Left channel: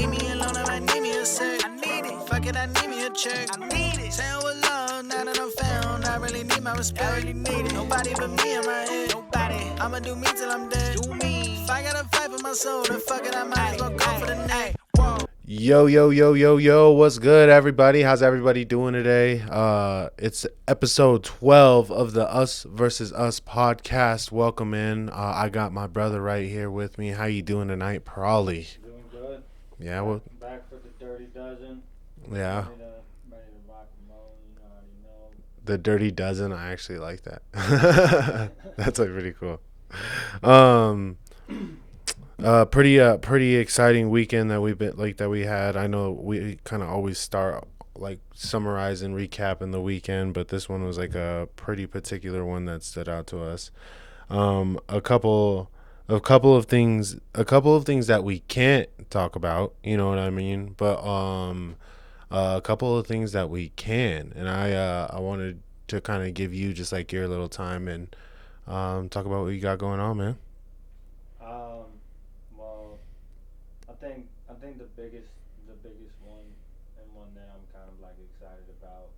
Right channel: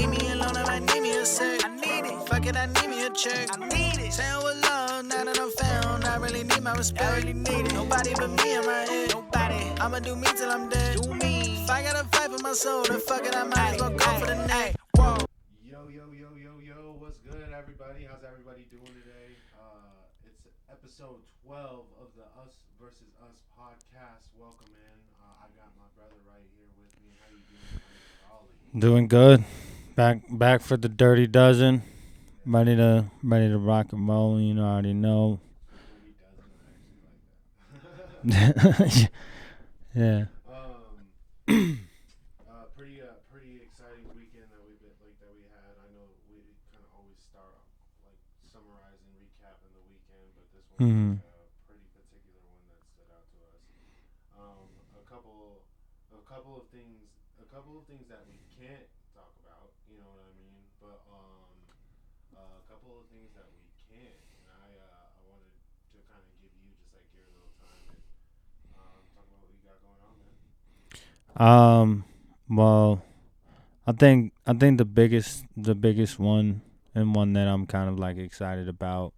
Leave me alone if I need me a sec. I need it. Fuck it, I need me a check. I need it. Saying with love, now that I'm found, I really need my respect. I really need it. Nobody but me in my head. Nobody. I'ma do me till I'm dead. Do me. If I gotta fight for my soul, then fuck it, I might as well go for the neck. Whoa. Yo, what's good, everybody? How's everybody doing today? It's episode 12 of the Us versus Us podcast. Welcome in. I got my brother right here with me. How you doing tonight, Prawley? Doing good. Yeah. Back for the Dirty Dozen. Yeah. Ready to rock and roll. You know, I already know. The Dirty Dozen. I actually like that. That's like pretty cool. Yeah. Pretty exciting weekend that we had. I know we kind of always start like summarizing, recapping the weekend, but this one was like a pretty particular one that stood out to us. A couple of things that we can't talk about, you know what I mean? But a couple of things that we can, and I wanted to kind of give you just like your little time and talk about what you got going on, man. Well, I think the biggest one, and one that I'm kind of like excited about,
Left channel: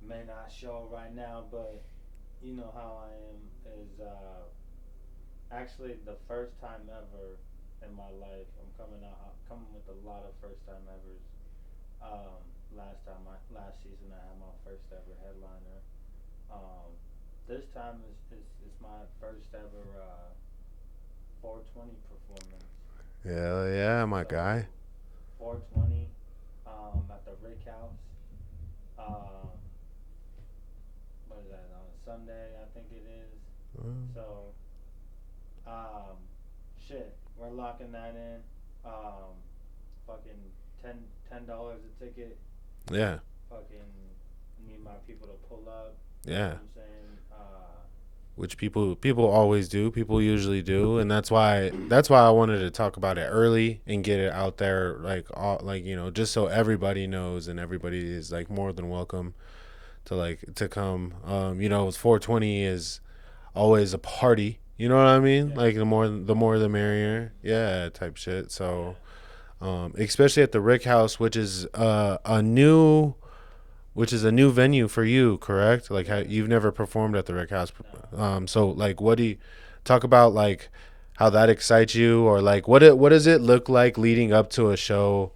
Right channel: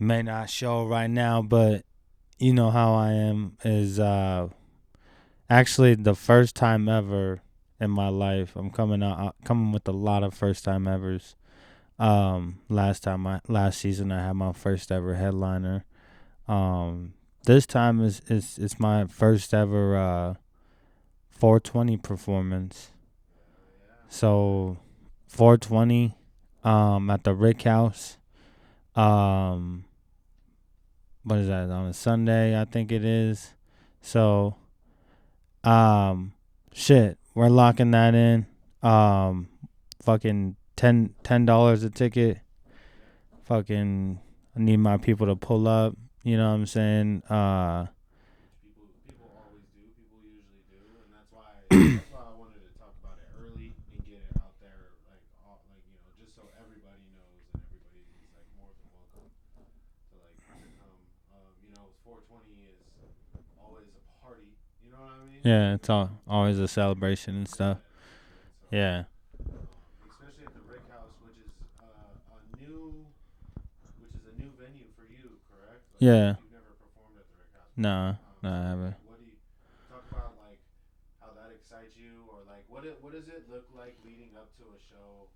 may not show right now, but you know how I am, is actually the first time ever in my life. I'm coming with a lot of first time evers. Last season I had my first ever headliner. This time is my first ever 420 performance. Yeah, my guy. So 420 at the Rick House. What is that, on a Sunday, I think it is. So shit, we're locking that in. Fucking $10 a ticket. Yeah. Fucking I need my people to pull up. You know what I'm saying? Which people always do. People usually do, and that's why I wanted to talk about it early and get it out there, just so everybody knows and everybody is like more than welcome to come. 420 is always a party. You know what I mean? Yeah, like the more the merrier. Yeah, stuff. type shit. So Yeah. Especially at the Rick House, which is a new venue for you, correct? Like, yeah. You've never performed at the Rick House. No. So, like, what do you talk about, like, how that excites you, or like, what does it look like leading up to a show,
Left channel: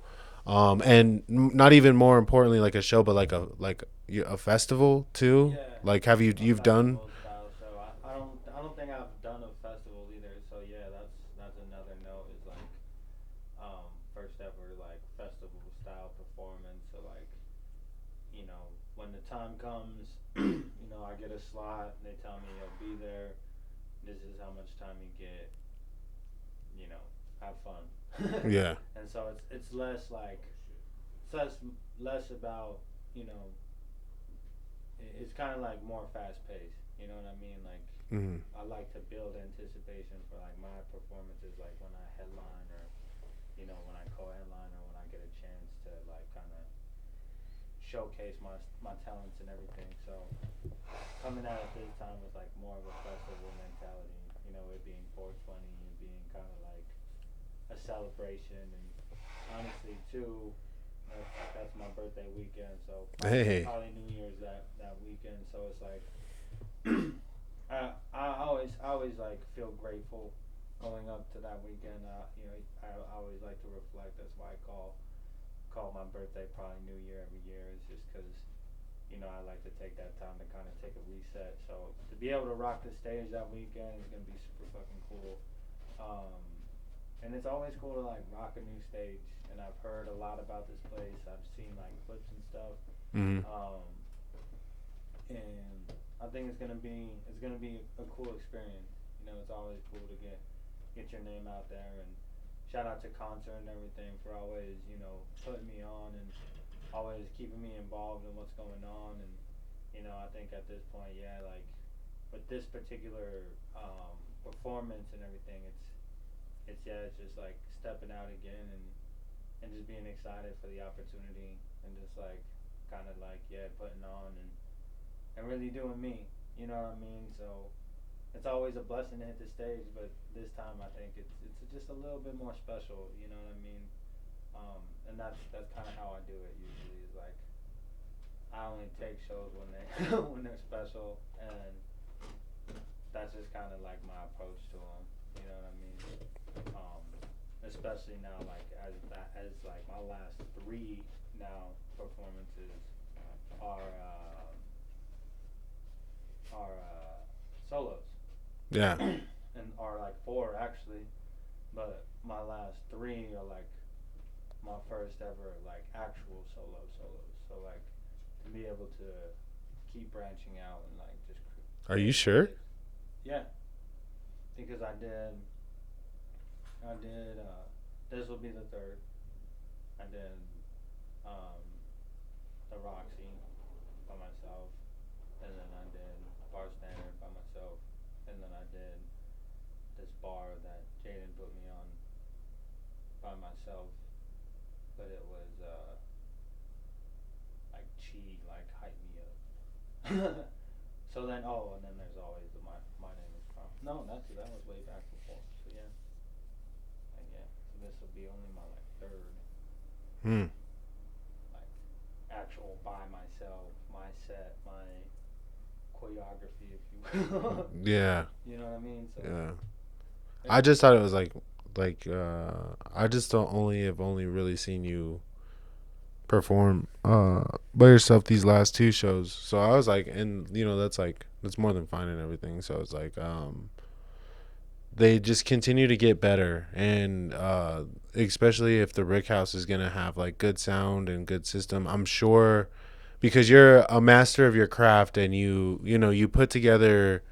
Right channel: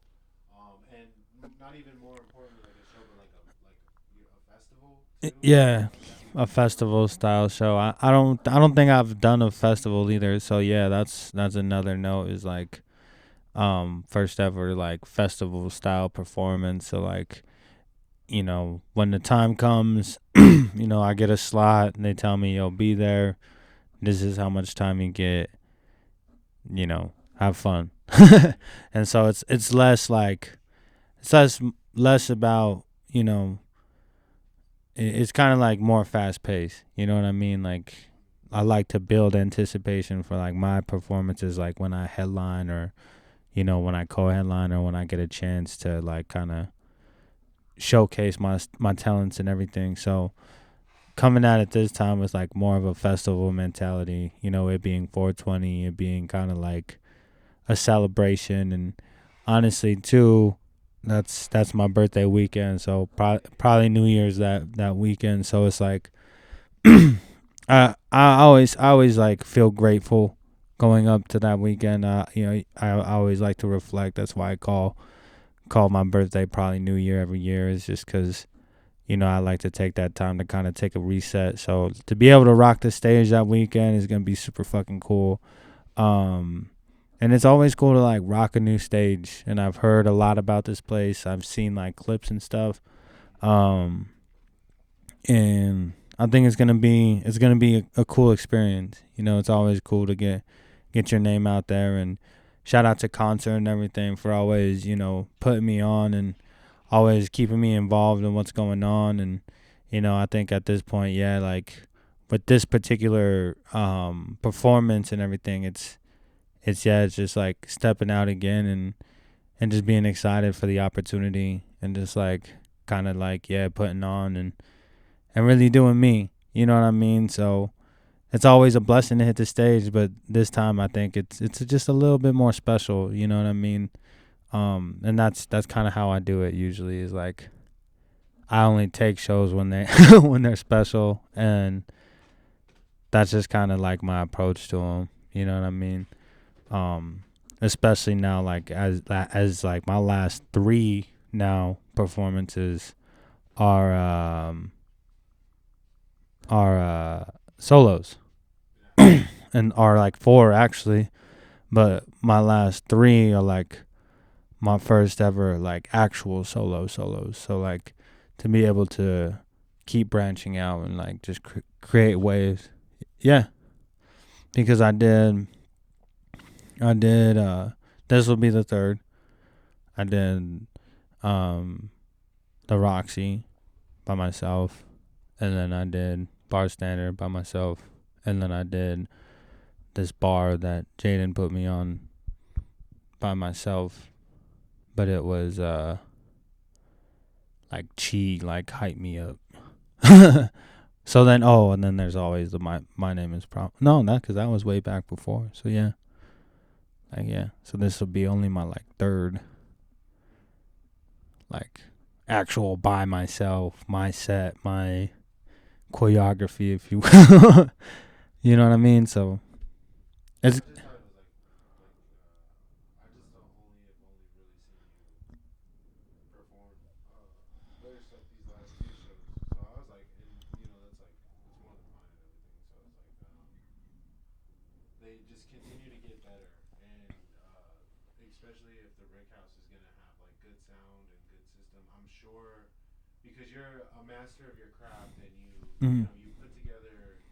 and not even more importantly, like a show, but like a festival too? Yeah. Like, you've festival done style show? I don't think I've done a festival either. So yeah, that's another note, is like, first ever like festival style performance. So like, you know, when the time comes, you know, I get a slot and they tell me, yo, be there. This is how much time you get. You know, have fun. Yeah. And so it's less like, less about, you know, it's kind of like more fast paced. You know what I mean? Like, I like to build anticipation for like my performances, like when I headline, or, you know, when I co-headline, or when I get a chance to like kind of showcase my talents and everything. So coming at it this time was like more of a festival mentality, you know, it being 420, it being kind of like a celebration. And honestly too, that's my birthday weekend, so probably New Year's that weekend. So it's like I always like feel grateful going up to that weekend. You know, I always like to reflect. That's why I call my birthday probably New Year every year, is just because, you know, I like to take that time to kind of take a reset. So to be able to rock the stage that weekend is going to be super fucking cool. And it's always cool to like rock a new stage. And I've heard a lot about this place. I've seen like clips and stuff. And I think it's going to be a cool experience. You know, it's always cool to get your name out there. And shout out to Concert and everything for always, you know, putting me on and always keeping me involved in what's going on. And, you know, I think at this point, yeah, like with this particular performance and everything, it's just like stepping out again and just being excited for the opportunity, and just like kind of like, yeah, putting on and really doing me. You know what I mean? So it's always a blessing to hit the stage, but this time I think it's just a little bit more special. You know what I mean? And that's kind of how I do it usually. Is like I only take shows when they when they're special, and that's just kind of like my approach to them. You know what I mean? Especially now, like as like my last 3 now performances are solos. Yeah. And are like 4 actually, but my last 3 are like my first ever like actual solos. So like to be able to keep branching out and like just create waves. Yeah, because I did this will be the 3rd. I did the Roxy by myself, and then I did Bar Standard by myself, and then I did this bar that Jaden put me on by myself, but it was like Chi like hype me up. So then and then there's always the my name is prom. No, not because that was way back before. So yeah, like yeah. So this will be only my like 3rd, like actual by myself, my set, my choreography, if you will. Yeah. You know what I mean? So I just thought it was like I just have only really seen you perform by yourself these last 2 shows. So I was like, and you know that's more than fine and everything. So it's like they just continue to get better, and especially if the Rick House is gonna have like good sound and good system, I'm sure, because you're a master of your craft, and you know you put together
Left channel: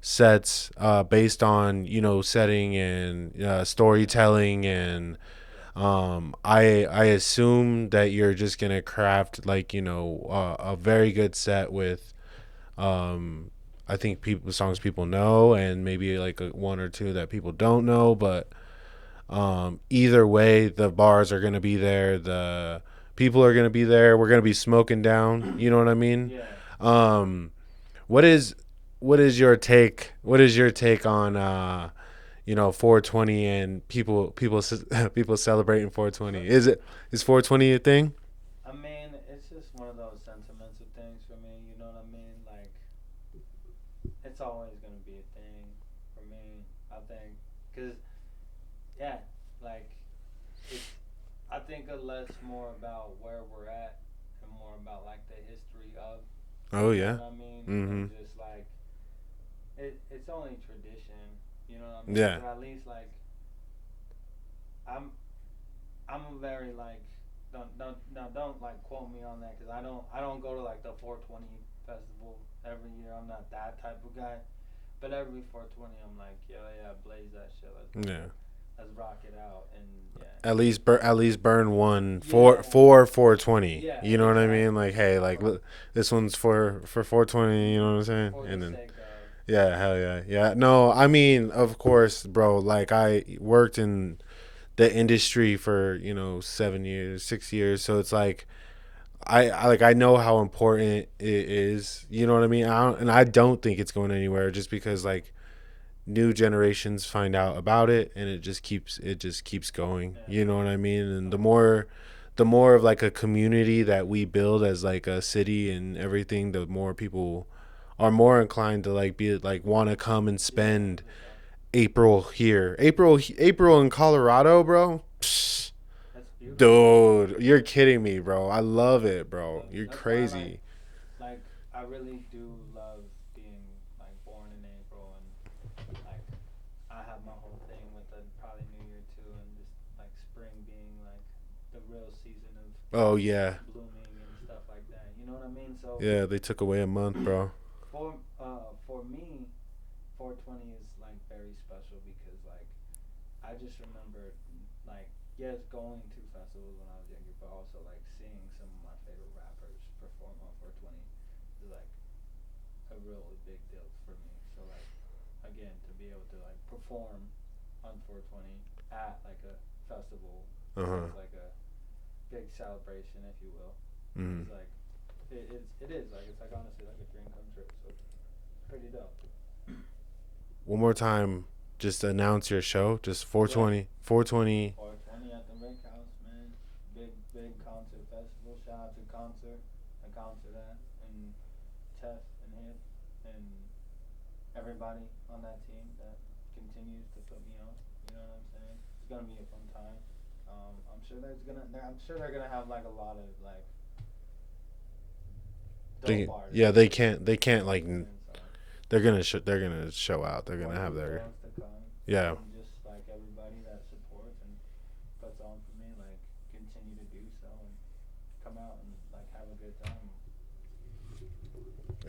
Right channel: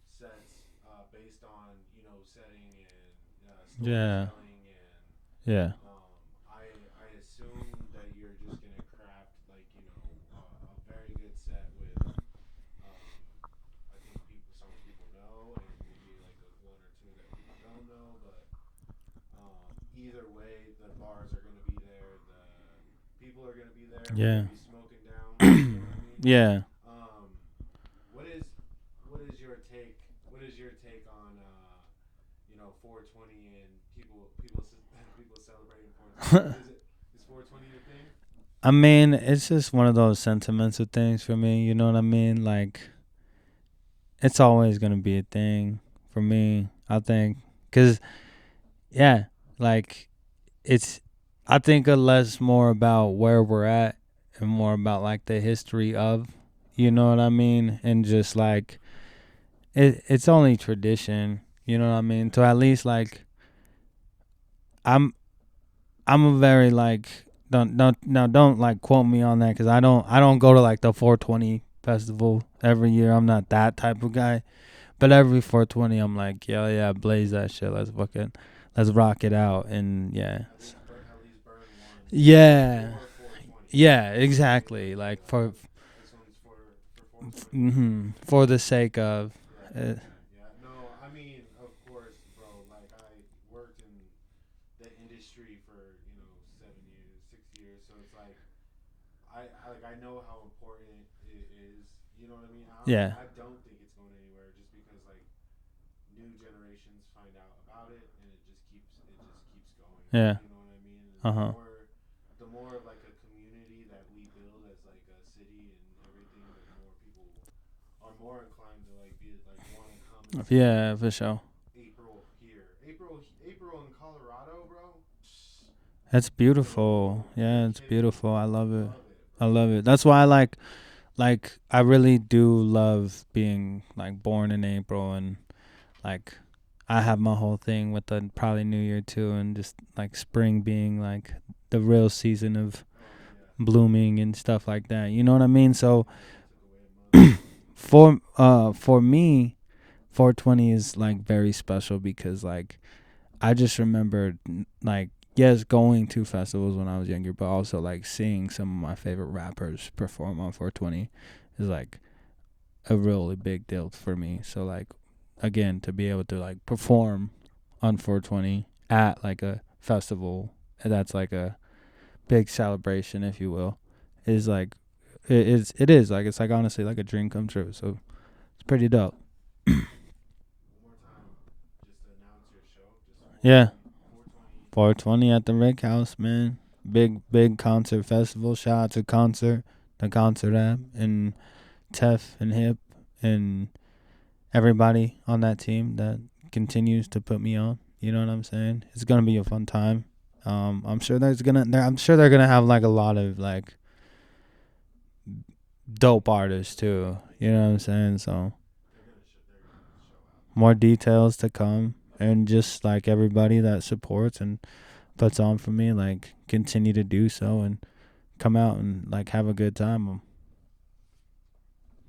sets based on setting and storytelling, and I assume that you're just gonna craft like a very good set with I think songs people know, and maybe like 1 or 2 that people don't know, but either way the bars are gonna be there, the people are gonna be there, we're gonna be smoking down. You know what I mean? Yeah. What is your take on 420 and people celebrating 420? Is 420 a thing? I mean, it's just one of those sentimental things for me. You know what I mean? Like, it's always gonna be a thing for me, I think, cause like I think less more about where we're at and more about like the history of, you know what I mean, and just like it's only tradition. You know what I mean? Yeah. To at least like I'm a very like don't like quote me on that, because I don't go to like the 420 festival every year. I'm not that type of guy, but every 420 I'm like yeah blaze that shit, let's rock it out, and at least burn one for 420. You know exactly what I mean? Like, hey, like this one's for 420. You know what I'm saying? For the sake of hell yeah. No, I mean, of course, bro. Like, I worked in the industry for 6 years, so it's like I know how important it is. You know what I mean? And I don't think it's going anywhere, just because like new generations find out about it, and it just keeps going. You know what I mean? And the more of like a community that we build as like a city and everything, the more people are more inclined to like be like want to come and spend for sure. April in Colorado, bro. Psh, that's beautiful, dude. You're kidding me, bro. I love it, bro. I love it. That's crazy. Why like I really do love being like born in April, and like I have my whole thing with the probably New Year too, and just like spring being like the real season of blooming and stuff like that. You know what I mean? So they took away a month, bro. For me, 420 is like very special, because like I just remembered like going to festivals when I was younger, but also like seeing some of my favorite rappers perform on 420 is like a really big deal for me. So like again, to be able to like perform on 420 at like a festival that's like a big celebration, if you will, is like it is like it's like honestly like a dream come true. So it's pretty dope. one more time, just announce your show. Just Yeah. 420. 420 at the Rick House, man. Big concert festival. Shout out to the concert app, and Tef and Hip and everybody on that team that continues to put me on. You know what I'm saying? It's gonna be a fun time. I'm sure they're gonna have like a lot of like dope artists. Yeah, they too, can't you know what like I'm saying? So they're gonna show out. They're more gonna have details to come. Yeah. And just like everybody that supports and puts on for me, like continue to do so and come out and like have a good time. All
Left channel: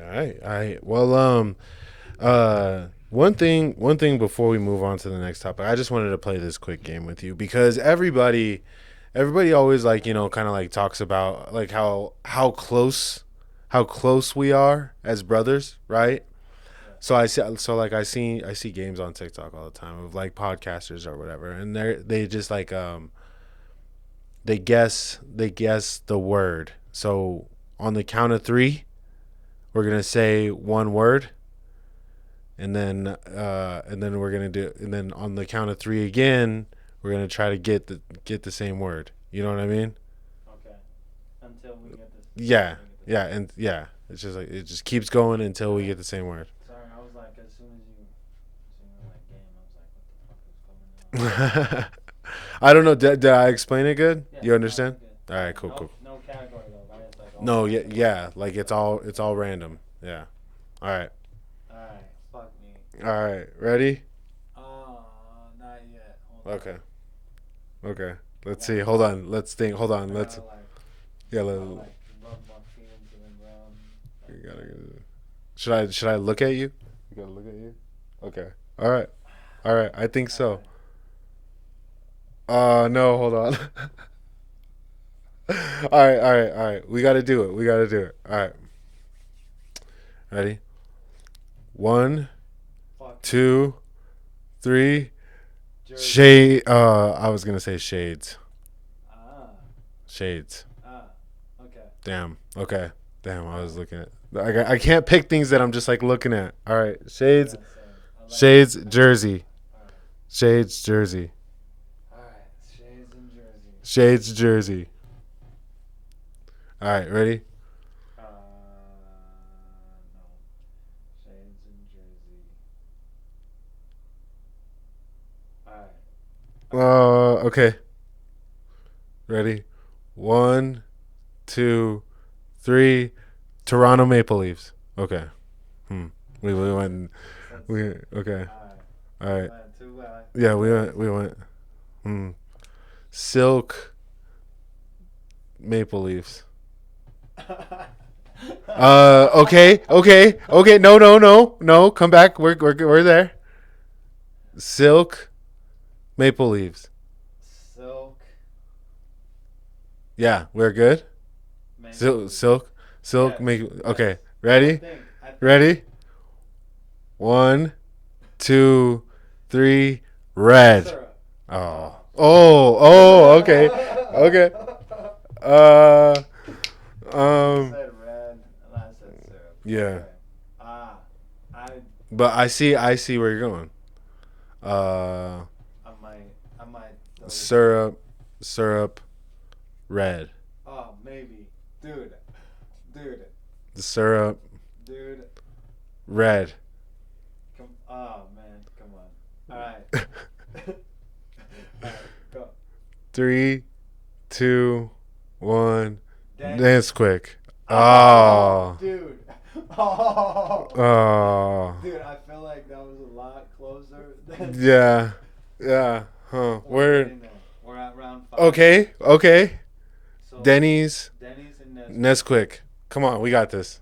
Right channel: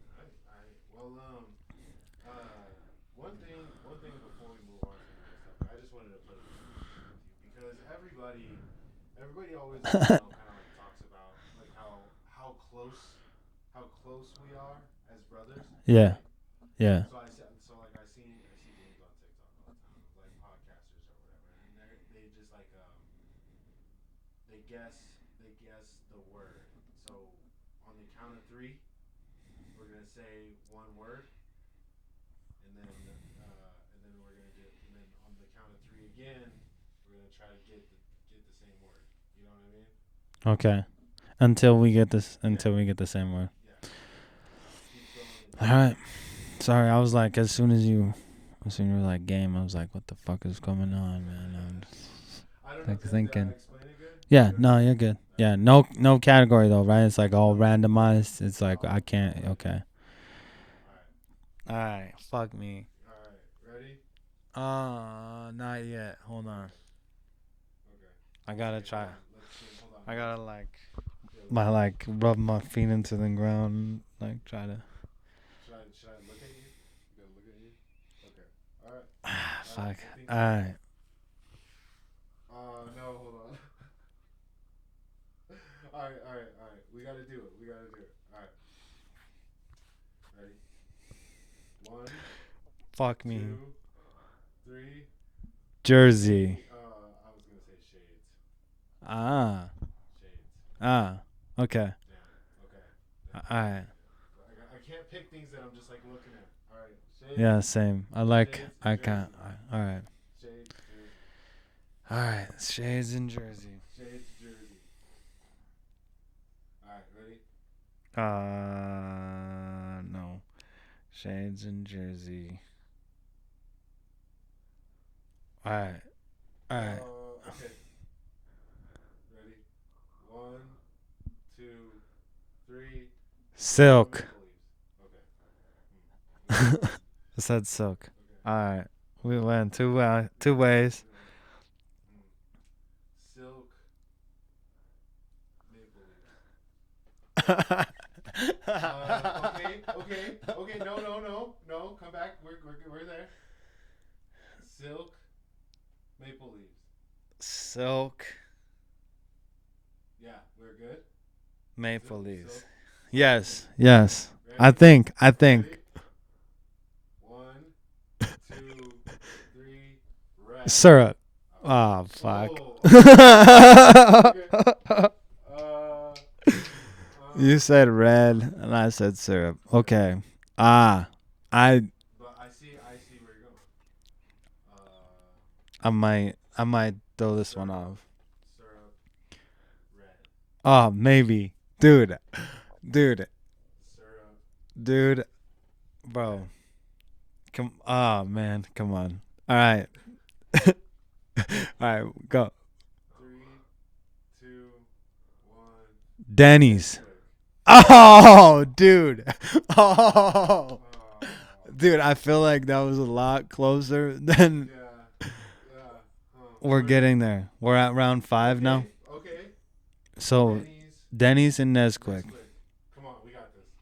right. Well, one thing before we move on to the next topic, I just wanted to play this quick game with you because everybody always like, you know, kind of like talks about like how close we are as brothers, Yeah. right? Yeah. So I see games on TikTok all the time of like podcasters or whatever, and they just like they guess the word. So on the count of 3, we're gonna say one word, and then we're gonna do, and then on the count of 3 again, we're gonna try to get the same word. You know what I mean? Okay. Until we get this. Until we get the same word. It's just like it just keeps going until we get the same word. Sorry, I was like, as soon as you were like game, I was like, what the fuck is going on? I don't know. Did I explain it good? Yeah, You understand? no, you're good. All yeah, right, cool. No category though, right? It's like all randomized. Yeah, like it's all I random. Okay. Yeah. All right. All right, fuck me. All right. Ready? Not yet. Hold on. Okay. Let's see. Hold on. Let's think. Hold on. Let's rub my feet into the ground, like trying to. Should I look at you? You gotta look at you. Okay. All right. All right. I think so. No. Hold on. All right. We gotta do it. All right. Ready? 1, Fuck 2, 3. Jersey. I was gonna say shades. Shades. Okay. Damn. Okay. Damn. I was right. looking at. I can't pick things that I'm just like looking at. All right. Shades. Yeah, same. I like Shades. Jersey. All right. Shades. Jersey. All right. Shades and Jersey. Shades. Jersey. All right. Ready? No. Shades and Jersey. All right. Okay. Ready? 1, 2, 3. Toronto Silk. Maple Leafs. Okay. We went. Said silk. Okay. All right. All We right. went two ways. We went. Silk. Maple Leafs. Okay. No. Come back. We're there. Silk. Maple Leaves. Silk. Yeah, we're good. Maple Leafs. Silk. Yes. Okay. Ready? I think. Ready? 1, 2, 3. Red. Syrup. Okay. You said red, and I said syrup. Yeah. Okay. But I see where you're going. I might throw this Syrup. Red. Oh, maybe, dude. The syrup. Dude. Red. Come on. All right. All right, go. 3, 2, 1. Denny's. That's quick. Oh, dude. Oh. Oh. Dude, I feel like that was a lot closer than. Yeah. Huh. We're getting there. We're at round 5. Okay. Now. Okay. So Denny's and Nesquik. Nesquik. Come on, we got this.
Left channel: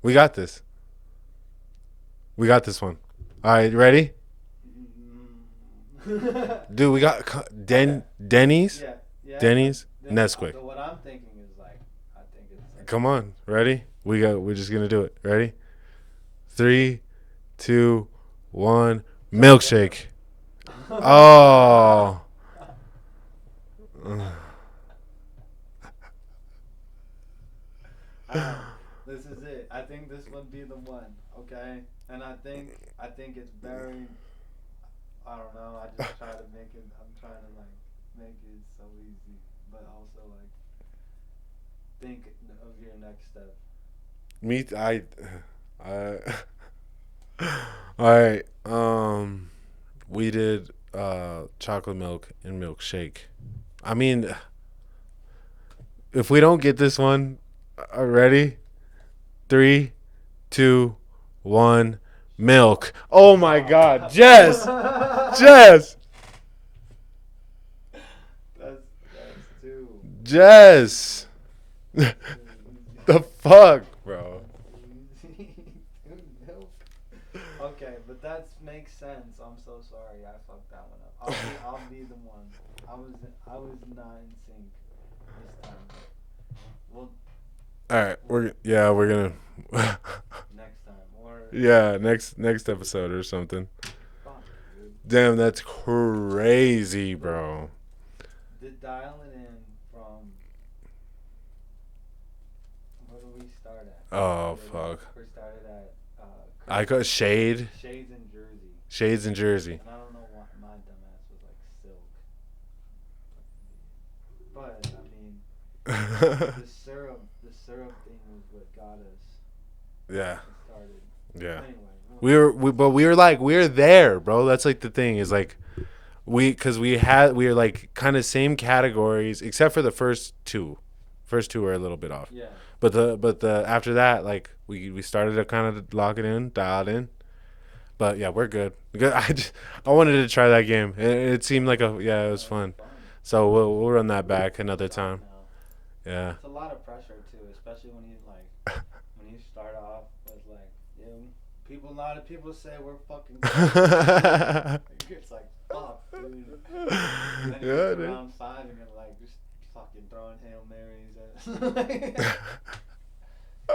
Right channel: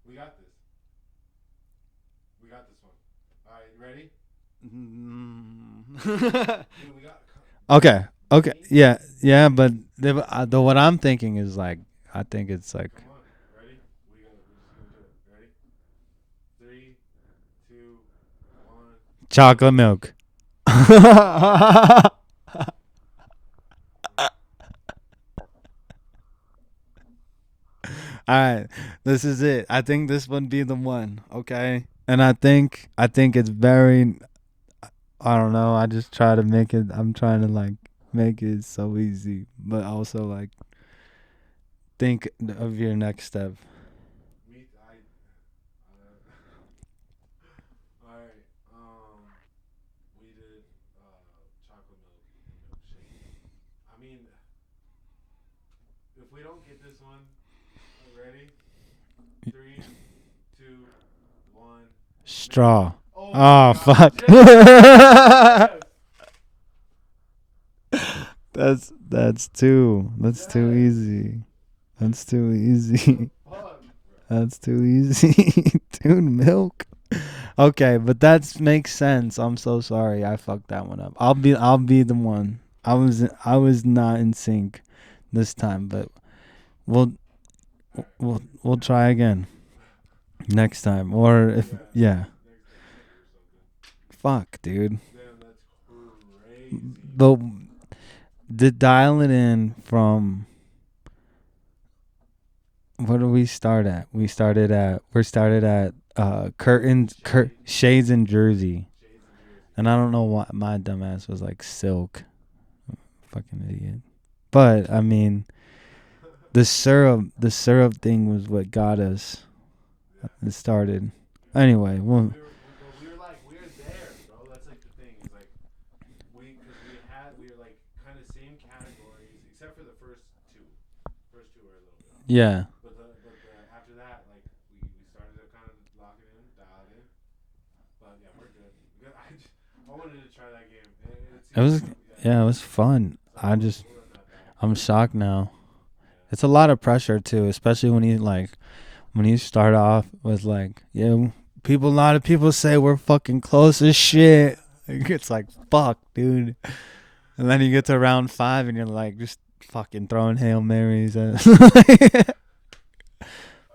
We got this one. All right, ready? Dude, we got okay. Denny's. Okay. Yeah, Denny's, but what I'm thinking is like, I think it's like. Come on, ready? We're just gonna do it. Ready? 3, 2, 1. Chocolate Milkshake. milk. Oh. All right, this is it. I think this would be the one. Okay. And I think it's very, I don't know, I just try to make it, I'm trying to like make it so easy, but also like think of your next step. All right. We did chocolate milk and milkshake. I mean, if we don't get this one, ready? 3, 2, 1. Milk. Straw. Oh my God. Fuck. Yes. Yes. That's too Yes. easy. That's too easy. The fuck, bro. That's too easy. Dude, milk. Okay, but that makes sense. I'm so sorry. I fucked that one up. I'll be the one. I was not in sync this time, but we'll All right. we'll try again next time, or next episode or something. Fuck, dude. Damn, that's crazy, But bro. to dial it in from, what do we start at? We started at curtains, shades in Jersey. Shades in Jersey. And I don't know why my dumbass was like silk. Fucking idiot. But I mean, the syrup thing was what got us. Yeah. It started. Yeah. Anyway, we were there, bro. That's like the thing is like we were like kind of same categories except for the first two. First two were a little bit off. Yeah. But the after that, like we started to kind of lock it in, dial it in. But yeah, we're good. I wanted to try that game. It seemed it was fun. So we'll run that back another time. I'm shocked now. Yeah. It's a lot of pressure too, especially when you start off with like, yeah, a lot of people say we're fucking close as shit. It's like, fuck, dude. And then you get to round 5 and you're like just fucking throwing Hail Marys at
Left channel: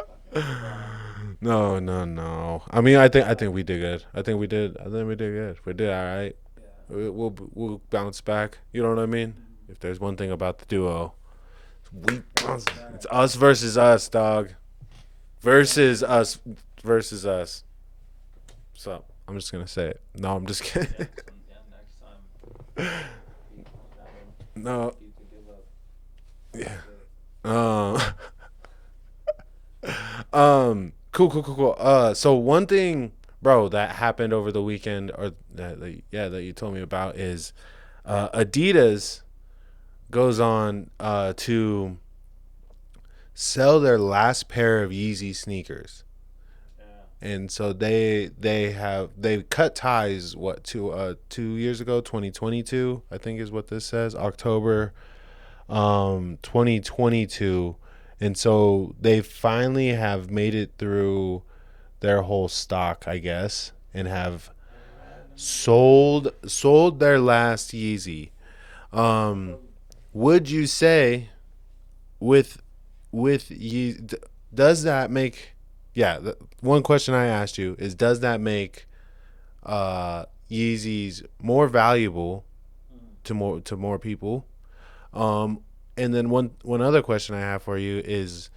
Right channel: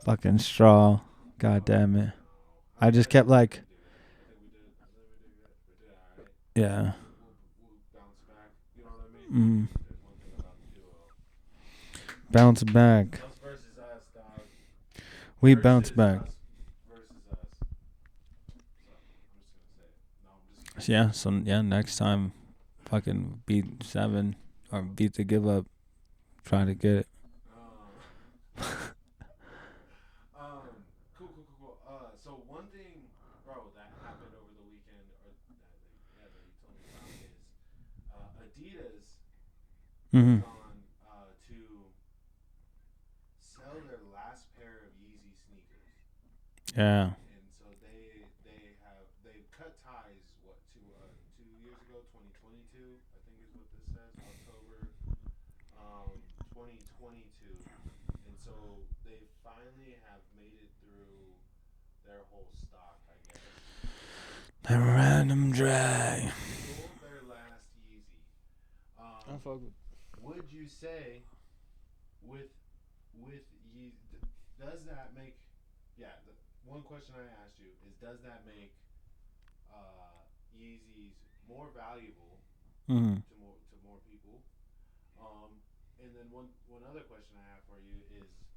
fucking straw. No. I mean, I think we did good. I think we did good. We did all right. Yeah. We'll bounce back. You know what I mean? If there's one thing about the duo, we bounce back. It's us versus us, dog. Versus us. So I'm just gonna say it. No, I'm just kidding. Yeah. So next time, fucking beat 7. No. Beat the give up. Try to get it. Cool. So one thing, bro, that happened over the weekend, or that you told me about, is Adidas goes on to sell their last pair of Yeezy sneakers. Yeah. And so they cut ties 2 years ago, 2022, I think is what this says, October 2022. And so they finally have made it through their whole stock, I guess, and have sold their last Yeezy. Would you say with Yeezy, does that make one question I asked you is, does that make Yeezys more valuable to more people? And then one other question I have for you is,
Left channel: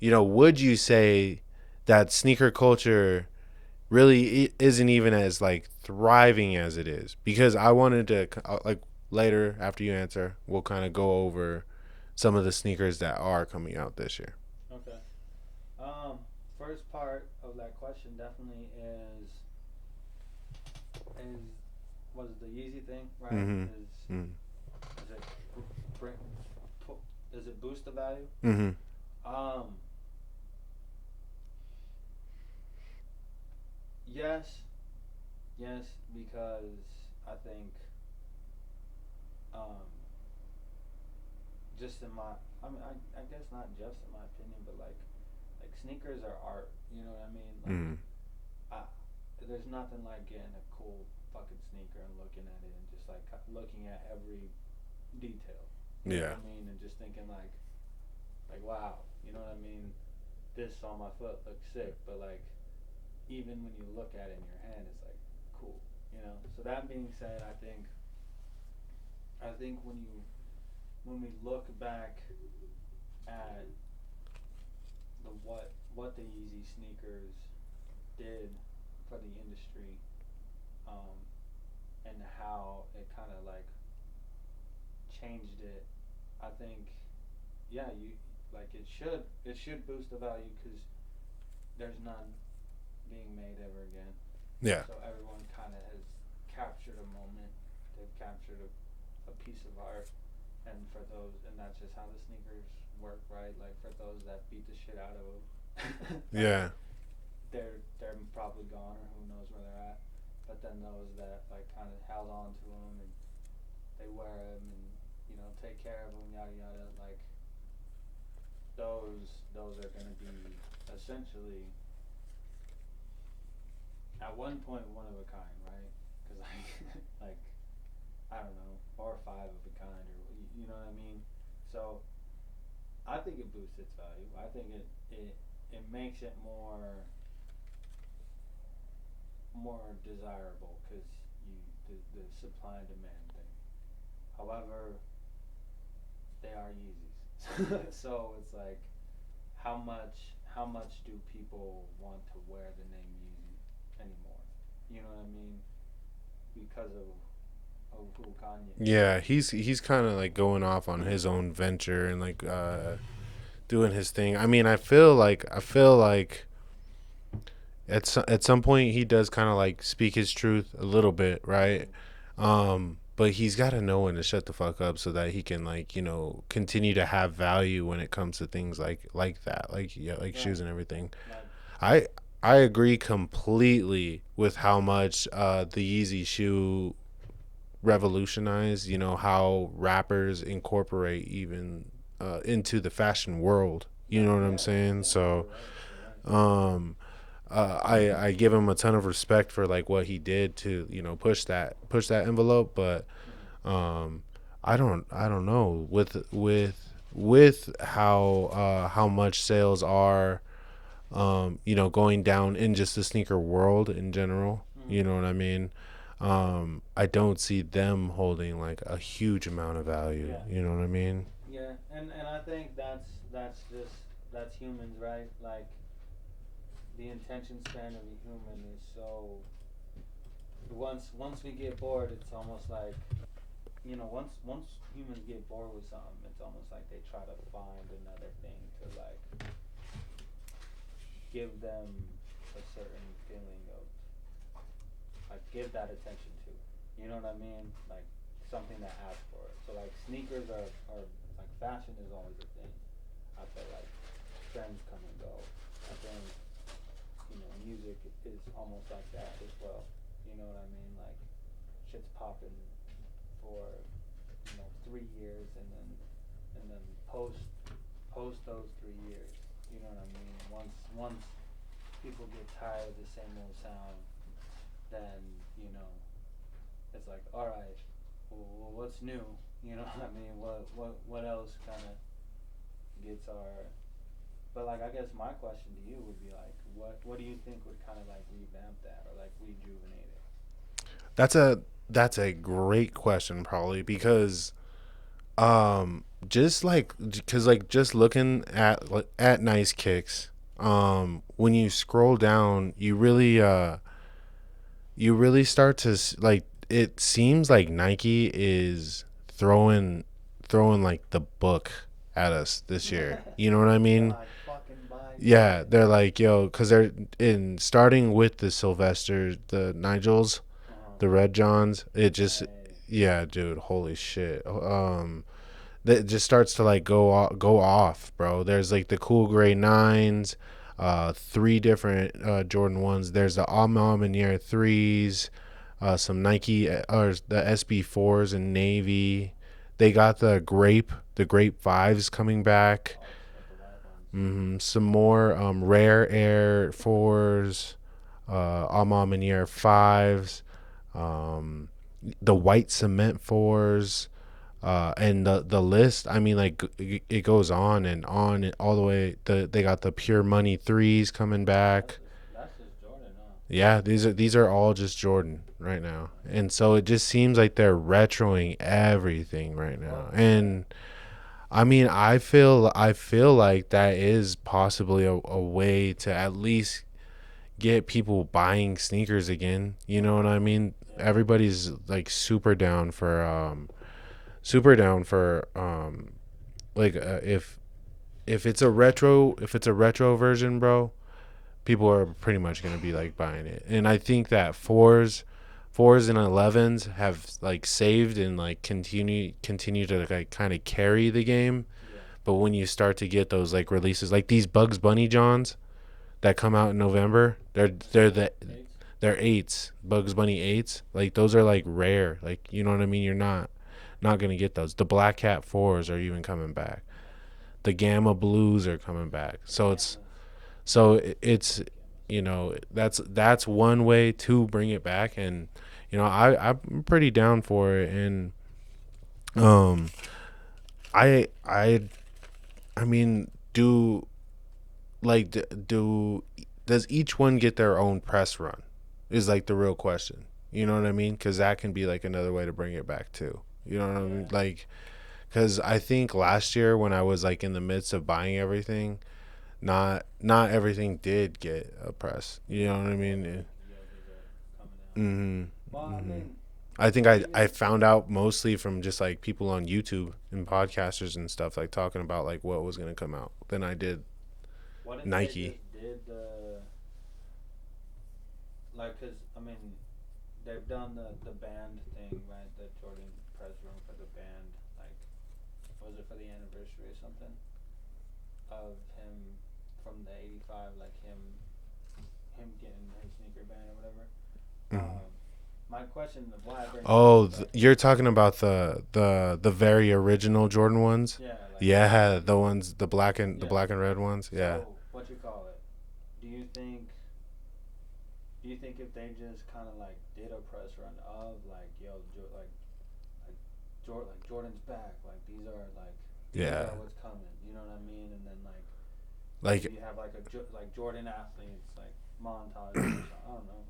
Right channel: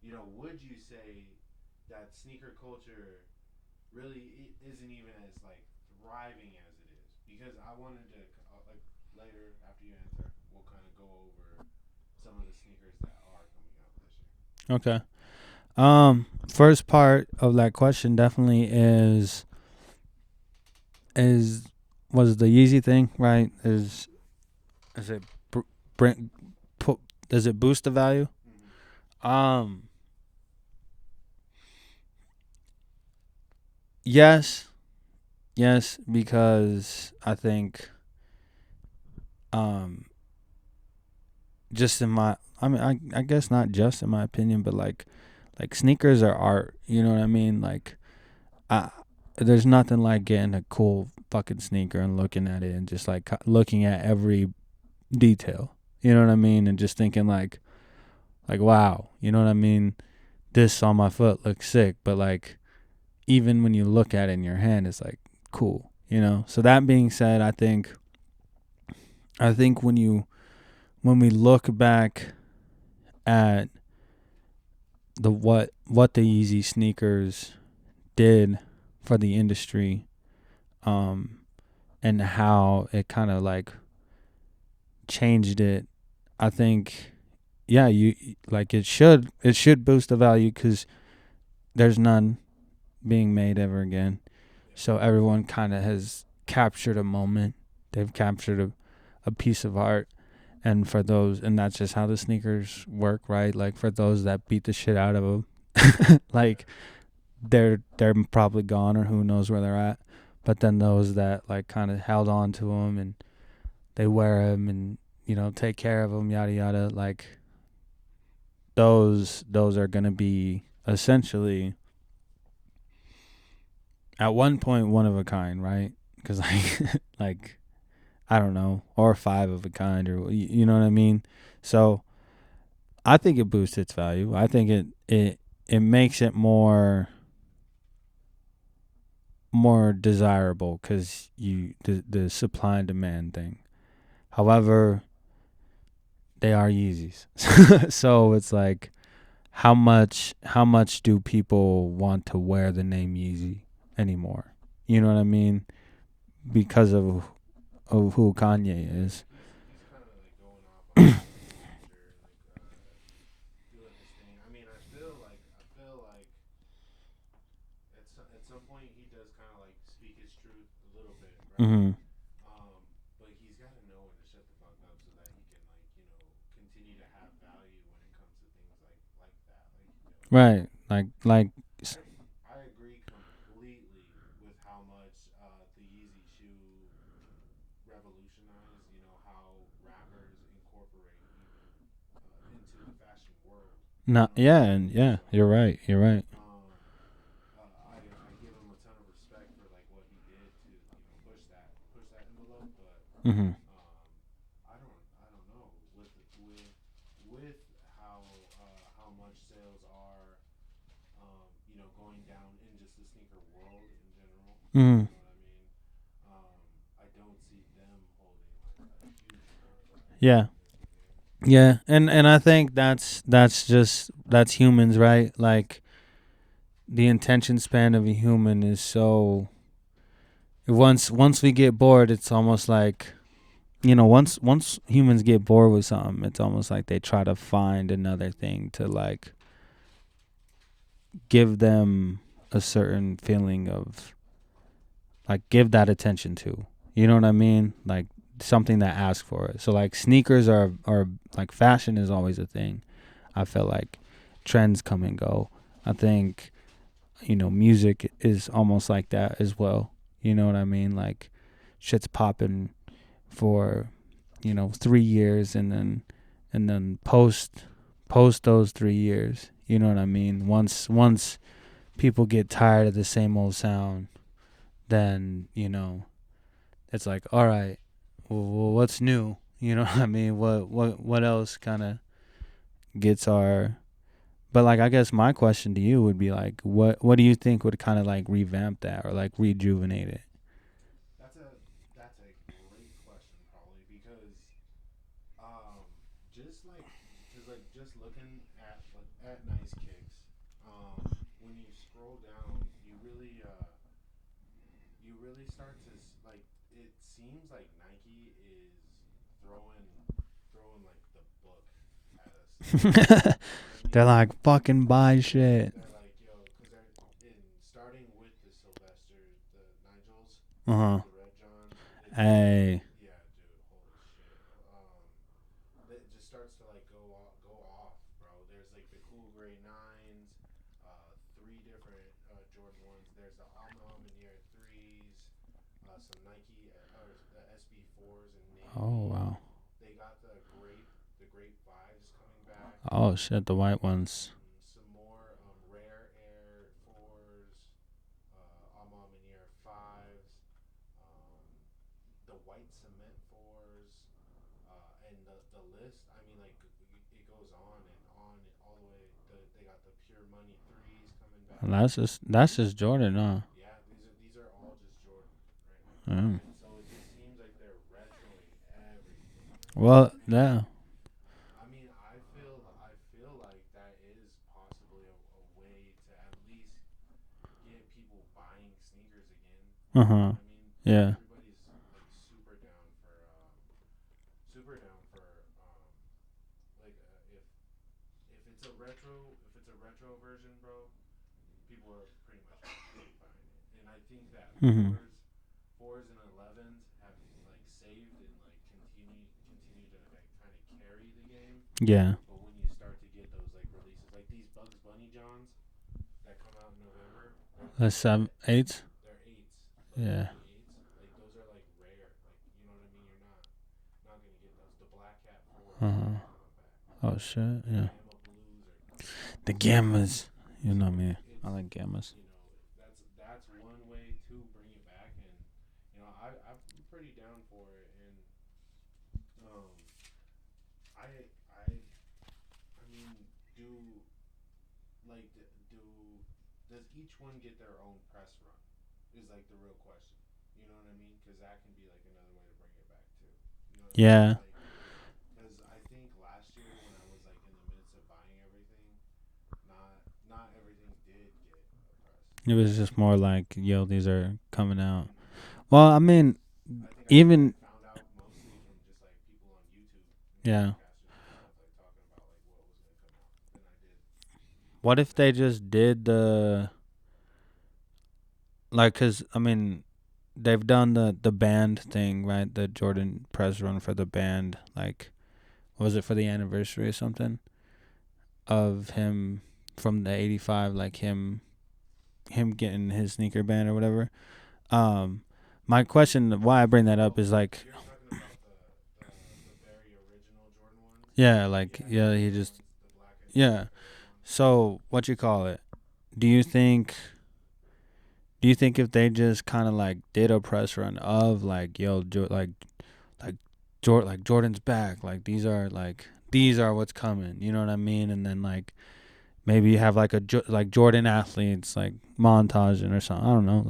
would you say that sneaker culture really isn't even as like thriving as it is? Because I wanted to like later after you answer, we'll kind of go over some of the sneakers that are coming out this year. Okay. First part of that question definitely is was the Yeezy thing, right? Is it does it boost the value? Yes, because I think just in my, I guess not just in my opinion, but like sneakers are art, you know what I mean? Like there's nothing like getting a cool fucking sneaker and looking at it and just like looking at every detail, you know what I mean? And just thinking like wow, you know what I mean? This on my foot looks sick, but like even when you look at it in your hand, it's like cool, you know? So that being said, I think when we look back at what the Yeezy sneakers did for the industry, and how it kind of like changed it. I think, yeah, you like it should boost the value because there's none being made ever again. Yeah. So everyone kind of has captured a moment. They've captured a piece of art. And for those, and that's just how the sneakers work, right? Like for those that beat the shit out of them, like yeah. they're probably gone or who knows where they're at. But then those that like kind of held on to them and they wear them and, you know, take care of them, yada yada. Like those are gonna be essentially at one point one of a kind, right? Because like like I don't know, or 5 of a kind, or you know what I mean. So I think it boosts its value. I think it makes it more desirable because the supply and demand thing. However, they are Yeezys, so it's like how much do people want to wear the name Yeezy anymore? You know what I mean? Because of who Kanye is. Yeah, he's kind of like going off on his own venture and like doing his thing. I mean, I feel like at some point he does kind of like speak his truth a little bit, right? But he's got to know when to shut the fuck up so that he can, like, you know, continue to have value when it comes to things like that, like Right. shoes and everything. Like I agree completely with how much the Yeezy shoe revolutionized, you know, how rappers incorporate even into the fashion world. You know what I'm saying? Yeah, So you're right. I give him a ton of respect for like what he did to, you know, push that envelope, but I don't know with how much sales are you know, going down in just the sneaker world in general. You know what I mean? I don't see them holding like a huge amount of value. Yeah. You know what I mean? Yeah, and I think that's humans, right? Like the attention span of a human is so once we get bored, it's almost like, you know, once humans get bored with something, it's almost like they try to find another thing to like give them a certain feeling of like give that attention to. You know what I mean? Like something that asks for it. So like sneakers are like fashion is always a thing. I feel like trends come and go. I think, you know, music is almost like that as well. You know what I mean? Like shit's popping for, you know, 3 years and then post those 3 years. You know what I mean? Once people get tired of the same old sound, then, you know, it's like, all right, well, what's new? You know what I mean? What else kind of gets our... But like, I guess my question to you would be like, what do you think would kind of like revamp that or like rejuvenate it? That's a great question, probably, because just looking at Nice Kicks, when you scroll down, you really start to like, it seems like Nike is throwing like the book at us this year. You know what I mean? They're like, fucking buy shit. Yeah, they're like, yo, because they're starting with the Sylvester, the Nigels, the Red Johns. It just, yeah, dude, holy shit. That just starts to like go off, bro. There's like the cool gray 9s, 3 different Jordan 1s. There's the Alma 3s, some Nike or the SB4s in navy. Oh, wow. They got the grape 5s coming back. Oh shit, the white ones. Some more rare Air 4s, Alma 5s, the white cement 4s. And the list, I mean, like, it goes on and on all the way. They got the Pure Money 3s coming back. That's just Jordan, huh? Yeah, these are all just Jordan right now. And so it just seems like they're retroing everything right now. And I mean, I feel like that is possibly a way to at least get people buying sneakers again. You know what I mean? Yeah. Everybody's like super down for like if it's a retro version, bro, people are pretty much gonna be like buying it. And I think that fours and 11s have like saved and like continue to like kind of carry the game. Yeah. But when you start to get those like releases, like these Bugs Bunny Johns that come out in November, they're the 8s. they're 8s, Bugs Bunny 8s. Like those are like rare. Like, you know what I mean? You're not gonna get those. The Black Cat 4s are even coming back. Oh shit. The Gamma Blues are coming back. The Gammas. It's you know, that's one way to bring it back. And you know, I'm pretty down for it. And I mean, does each one get their own press run is like the real question. You know what I mean? Because that can be like another way to bring it back too. You know what I mean? Like, because I think last year when I was like in the midst of buying everything, not everything did get a press. It was just more like, yo, these are coming out. Mm-hmm. Well, I mean, I think I found out mostly from just like people on YouTube and podcasters and stuff, like talking about like what was going to come out than I did. What if Nike. they just did the, like, because I mean, they've done the band thing, right? The Jordan press run for the band, like, was it for the anniversary or something of him from the 85, like him getting his sneaker band or whatever. My question, why I bring that up is like, you're talking about the very original Jordan ones. Yeah, like the ones, the black and red ones. So what you call it? Do you think if they just kind of like did a press run of like, yo, Jordan's back, like these are what's coming, you know what I mean? And then like maybe you have like like Jordan athletes like montaging or something. I don't know,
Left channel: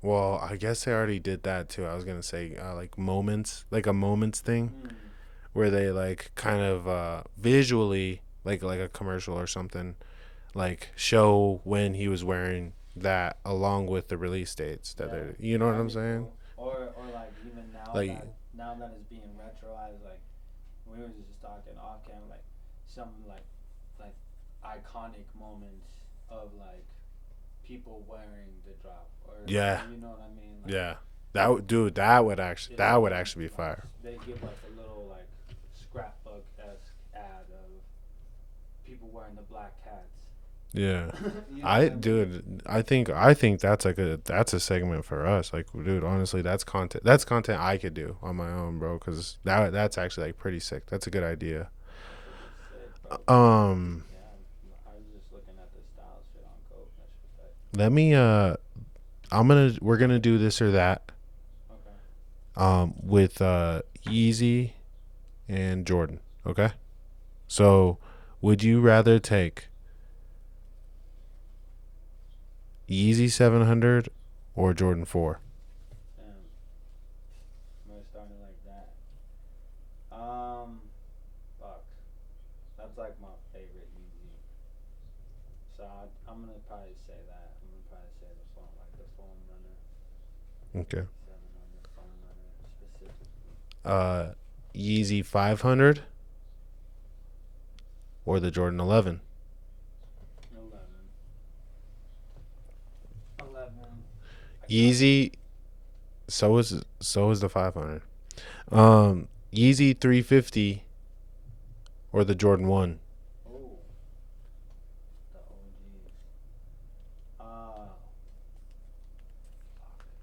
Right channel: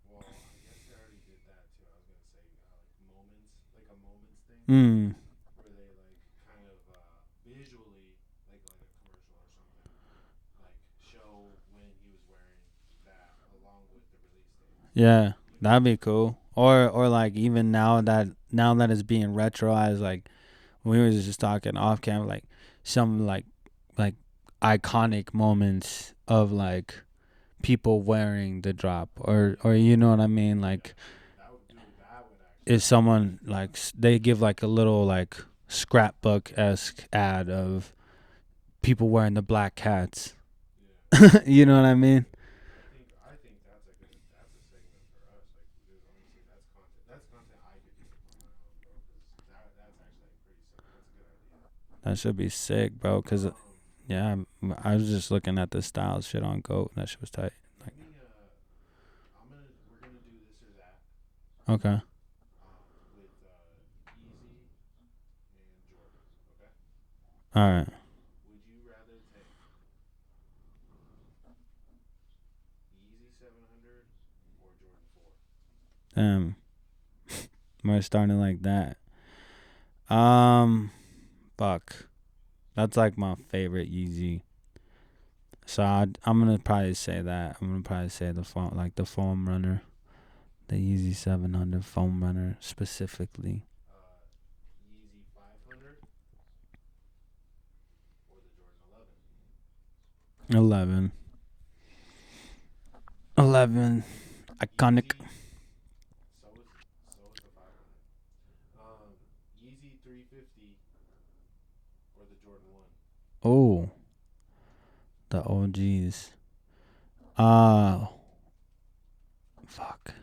well, I guess they already did that too. I was gonna say like moments, like a moments thing, where they like kind of visually like a commercial or something, like show when he was wearing that along with the release dates. Yeah, you know, that'd be cool. Or like even now that it's being retroized, like we were just talking off camera, like some like iconic moments of like people wearing the drop or you know what I mean, like that would actually be like fire. They give like a little like scrapbook-esque ad of people wearing the black cats. Yeah. You know what I mean? Dude, I think that's like that's a segment for us. Like, dude, honestly, that's content I could do on my own, bro, cuz that's actually like pretty sick. That's a good idea. That should be sick, bro. Yeah, I was just looking at the style shit on GOAT. That shit was tight. Let me we're going to do this or that. Okay. With Yeezy and Jordan, okay? So, would you rather take Yeezy 700 or Jordan 4? We're starting like that. Fuck. That's like my favorite Yeezy. So I'm gonna probably say that. I'm gonna probably say the foam runner, the Yeezy 700 foam runner specifically. Yeezy 500 or the Jordan 11? 11. Iconic. Yeezy. So is the 500. Yeezy 350 or the Jordan 1? Oh. The OGs. Fuck.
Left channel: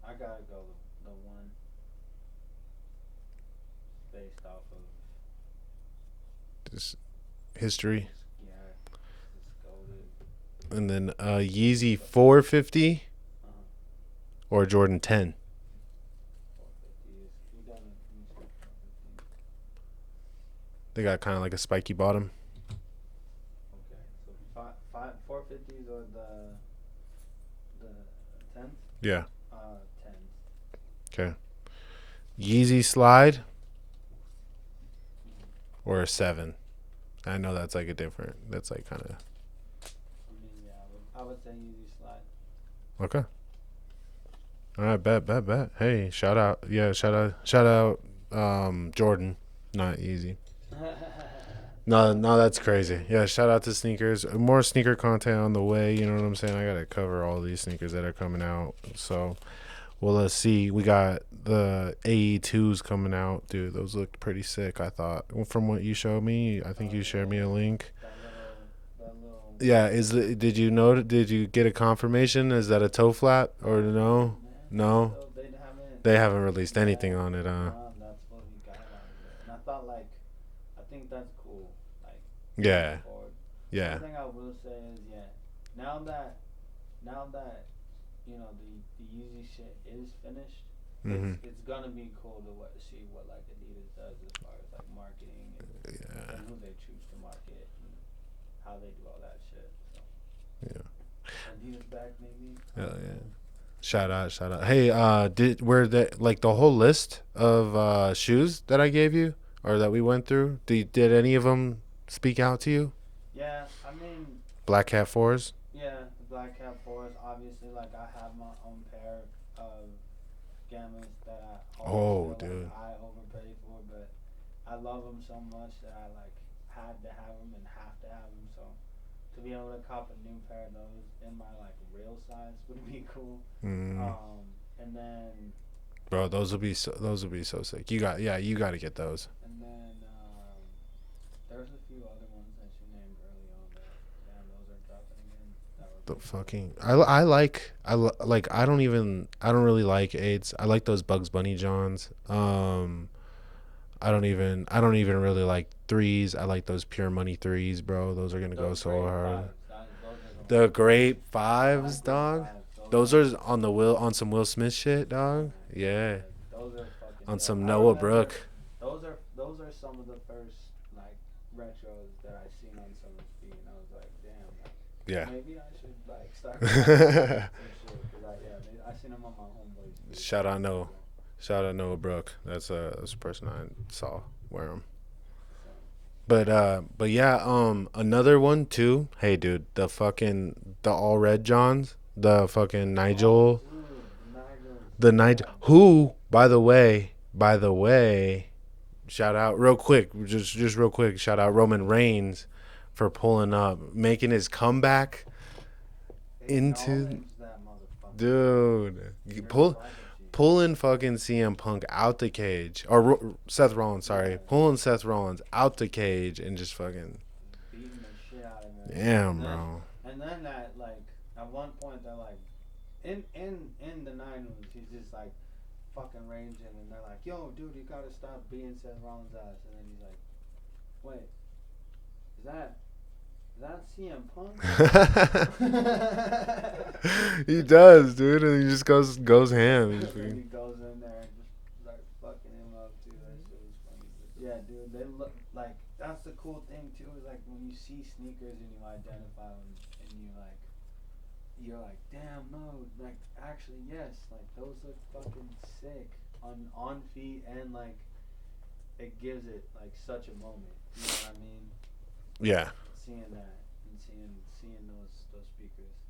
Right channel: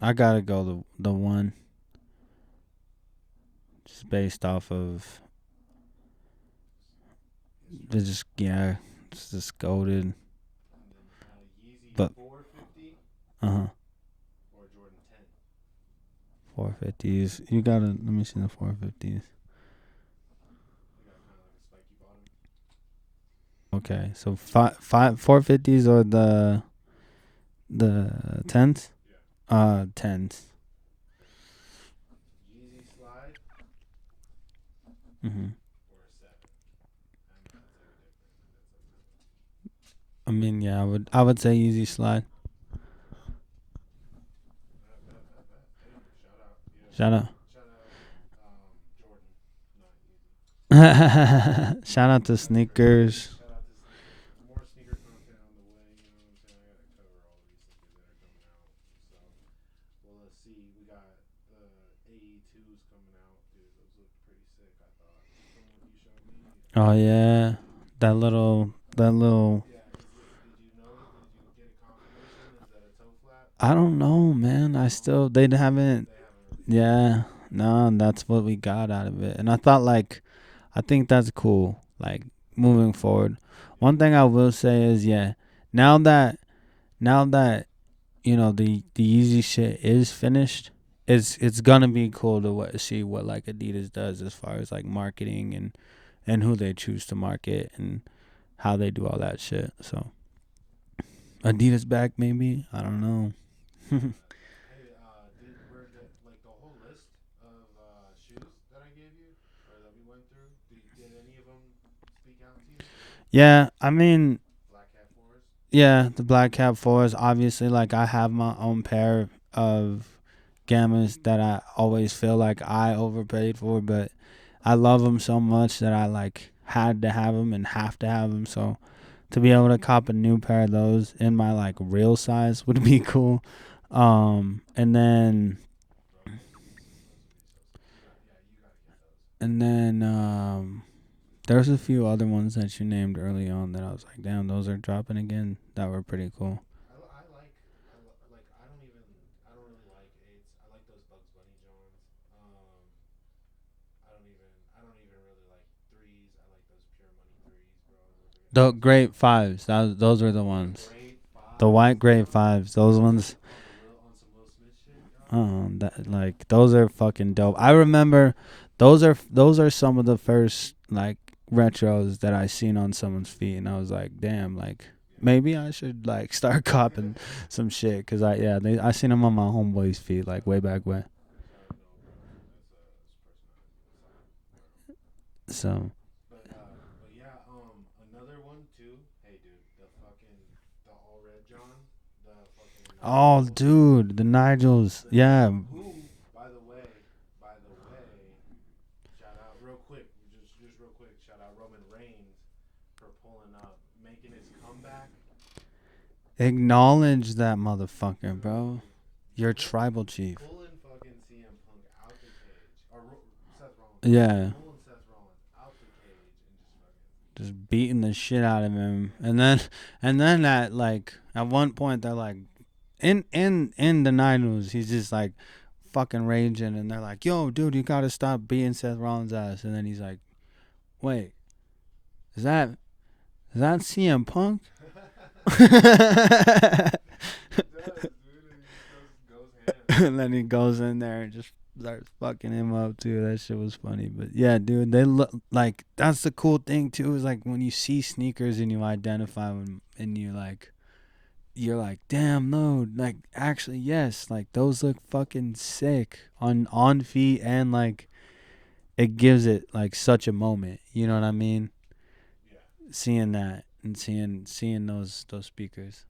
I gotta go the one. Just based off of this history. It's just goated. And then Yeezy 450 or Jordan 10? 450s. You gotta let me see the 450s. They got kind of like a spiky bottom. Okay, so 450s or the 10s? Yeah. 10s. Okay. Yeezy Slide Mm-hmm. or a 7? I know that's like a different. That's like kind of. I mean, yeah, I would say Easy Slide. Okay. All right, bet. Hey, shout out. Yeah, Shout shout out. Jordan, not easy. Shout out to that's Sneakers. crazy. Yeah, shout out to Sneakers. More sneaker content on the way. You know what I'm saying? I gotta cover all these sneakers that are coming out. So, well, let's see. We got the AE2s coming out, dude. Those looked pretty sick. I thought from what you showed me. I think you showed me a link. That little. Yeah, did you get a confirmation? Is that a toe flap? I don't know, man. No? They haven't released anything on it. No, that's what we got out of it. And I thought, like, I think that's cool. Like, moving forward. Yeah. One thing I will say is, now that you know the easy shit is finished, it's gonna be cool to see what like Adidas does as far as like marketing and who they choose to market and how they do all that shit. So Adidas back, maybe. I don't know. Shout out. Hey, the whole list of shoes that I gave you or that we went through, did any of them speak out to you? Yeah, I mean, Black Cat 4s? Yeah, the Black Cat 4s. Obviously, like, I have my own pair of Gammas that I always feel like I overpaid for, but I love them so much that I like had to have them and have to have them. So to be able to cop a new pair of those in my like real size would be cool. And then, bro, those would be so sick. You got to get those. And then there's a few other ones that you named early on that I was like, damn, those are dropping again. That were pretty cool. I don't really like 8s. I like those Bugs Bunny Johns. I don't even really like 3s. I like those Pure Money 3s, bro. Those are gonna go so Grape hard. 5s. Those are the ones. The Grape 5s. The white Grape 5s. Those are on some Will Smith shit, dog. Like those are fucking dope. I remember those are some of the first like retros that I seen on someone's feet, and I was like, damn, like maybe I should like start copying some shit because I seen them on my homeboy's feet like way back when. Shout out Noah Brooke. That's a person I saw wear them. So, but another one too. Hey, dude, the all red Johns, the fucking Nigel. Oh, dude, the Nigels. Nigel. Who, by the way, shout out real quick, just real quick. Shout out Roman Reigns for pulling up, making his comeback. Acknowledge that motherfucker, dude. Bro. You're tribal chief. Pulling fucking CM Punk out the cage. Or Seth Rollins, sorry. Yeah. Pulling Seth Rollins out the cage and just beating the shit out of him. Yeah. And then at like at one point they're like in the Niners, he's just like fucking raging and they're like, yo, dude, you gotta stop beating Seth Rollins' ass. And then he's like, wait, is that CM Punk? He does, dude, and he just goes ham. And then he goes in there and just starts fucking him up too. That shit was funny. But yeah, dude, they look like that's the cool thing too. Is like when you see sneakers and you identify them, and you're like, damn, no, like actually, yes, like those look fucking sick on feet, and like it gives it like such a moment. You know what I mean? Yeah. Seeing that and seeing those speakers.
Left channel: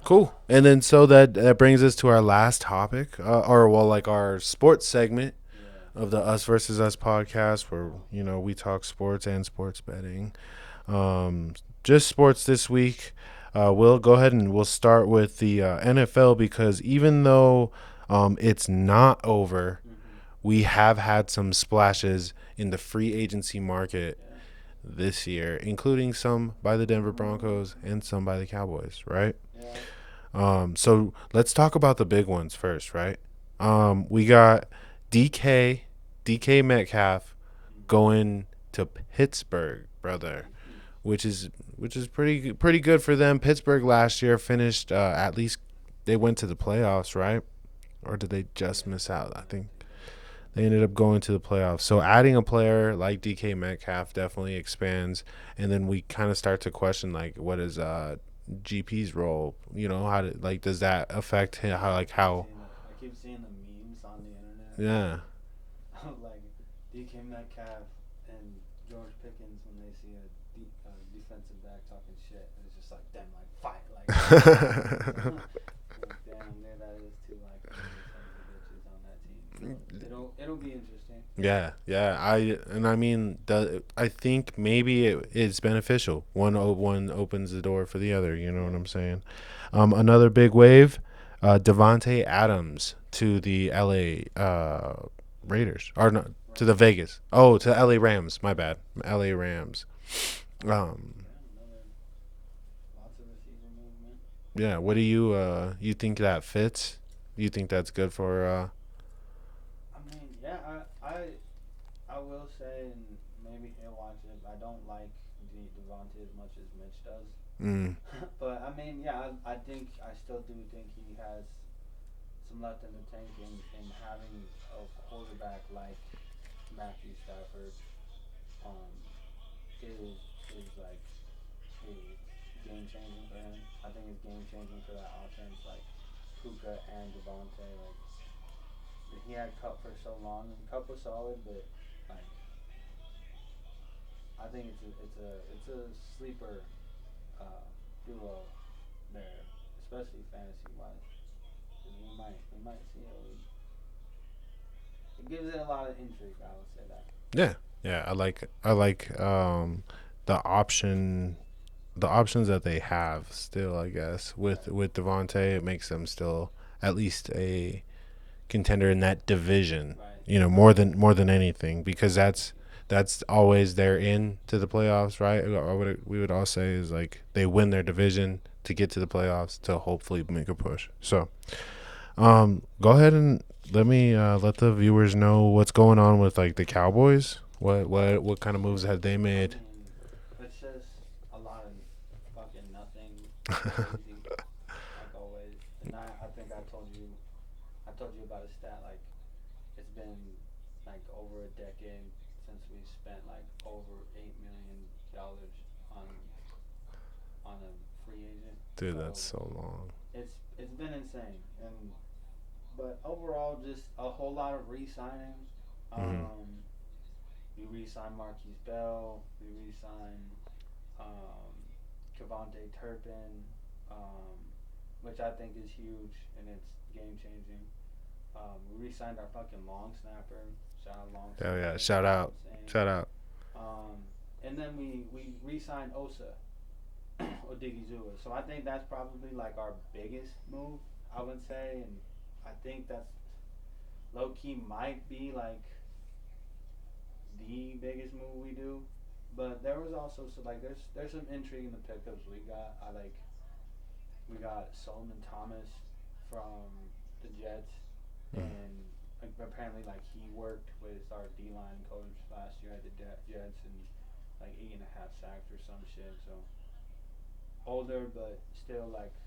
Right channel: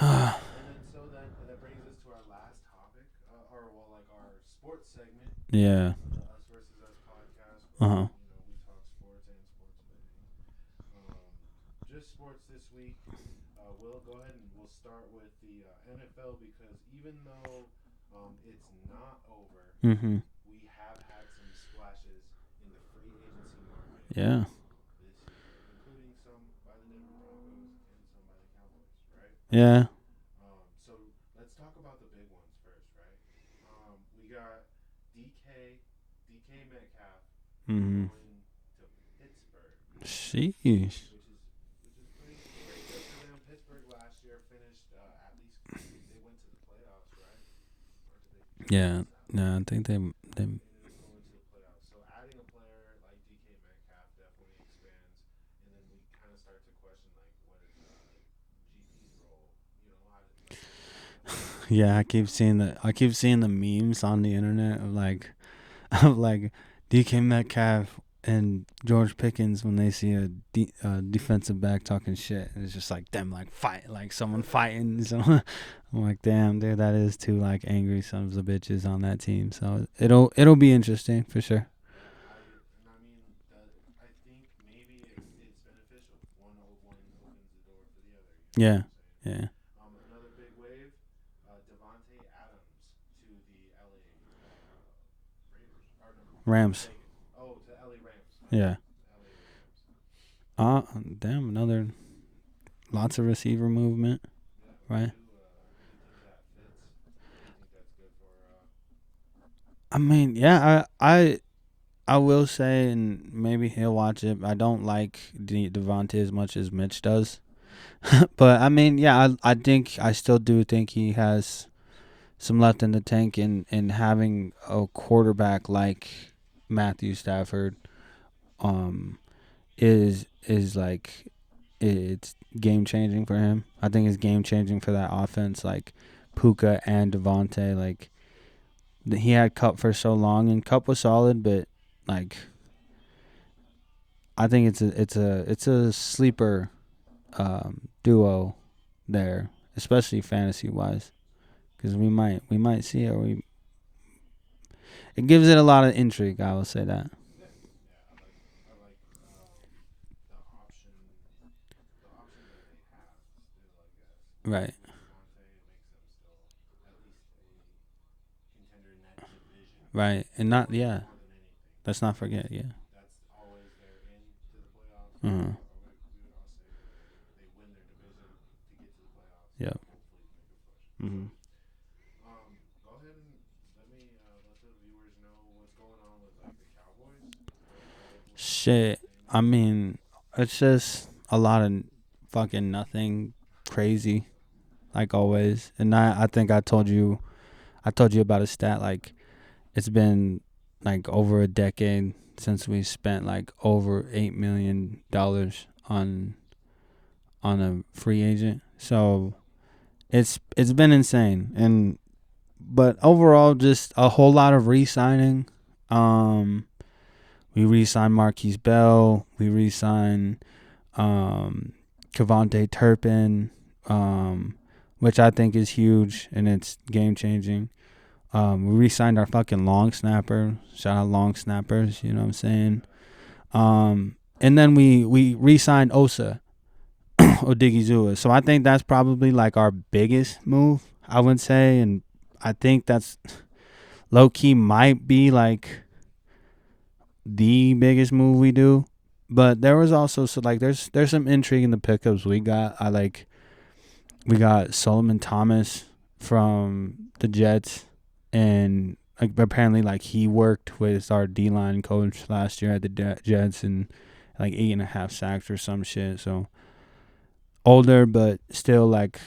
Cool. And then so that brings us to our last topic, our sports segment. Yeah. Of the Us Versus Us podcast, where we talk sports and sports betting. Just sports this week. We'll go ahead and we'll start with the NFL because even though it's not over, we have had some splashes in the free agency market. Yeah. This year, including some by the Denver Broncos and some by the Cowboys, right? Yeah. So let's talk about the big ones first, right? We got DK Metcalf going to Pittsburgh, brother. Sheesh. Which is pretty good for them. Pittsburgh last year finished at least they went to the playoffs, right? Or did they just miss out? I think they ended up going to the playoffs. So adding a player like DK Metcalf definitely expands. And then we kind of start to question, like, what is GP's role? You know, does that affect him? Yeah, I keep seeing the memes on the internet of like DK Metcalf and George Pickens when they see a defensive back talking shit. It's just like them like fight, like fighting. So I'm like, damn, dude, that is two like angry sons of bitches on that team. So it'll be interesting for sure. Yeah. I think maybe it's beneficial. One opens the door for the other. You know what I'm saying? Yeah. Another big wave, Devontae Adams to the L.A. Raiders, or not, to the Vegas. To the L.A. Rams. My bad. L.A. Rams. Damn, lots of receiver movement. Yeah, what do you think that fits? You think that's good for? I mean, yeah, I will say, and maybe he'll watch it. I don't like Devontae as much as Mitch does, but I mean, yeah, I still do think he has some left in the tank, in having a quarterback like Matthew Stafford, is like, it's game changing for him. I think it's game changing for that offense, like Puka and Devontae. Like, he had Cup for so long, and Cup was solid, but like, I think it's a sleeper duo there, especially fantasy wise, because we might see it. It gives it a lot of intrigue. I will say that. Yeah. I like the options that they have still. I guess with Devontae, it makes them still at least a contender in that division, right? You know, more than anything, because that's always their in to the playoffs, right? Mm-hmm. We would all say is like they win their division to get to the playoffs to hopefully make a push. Mm-hmm. So, go ahead and let the viewers know what's going on with like the Cowboys. What kind of moves have they made? I mean, it's just a lot of fucking nothing crazy, like always. And I think I told you about a stat, like it's been like over a decade since we spent like over $8 million on a free agent. Dude, so that's so long. It's been insane, but overall just a whole lot of re-signing. We re-signed Marquise Bell. We re-signed Kevontae Turpin, which I think is huge and it's game changing. We re-signed our fucking long snapper. Shout out long snappers. Shout out. You know what I'm saying? Shout out. And then we re-signed Osa Odigizua. So I think that's probably like our biggest move, I would say, and I think that's low key might be like the biggest move we do. But there was also there's some intrigue in the pickups we got. We got Solomon Thomas from the Jets, and like apparently like he worked with our D-line coach last year at the Jets, and like 8.5 sacks or some shit. So older, but still like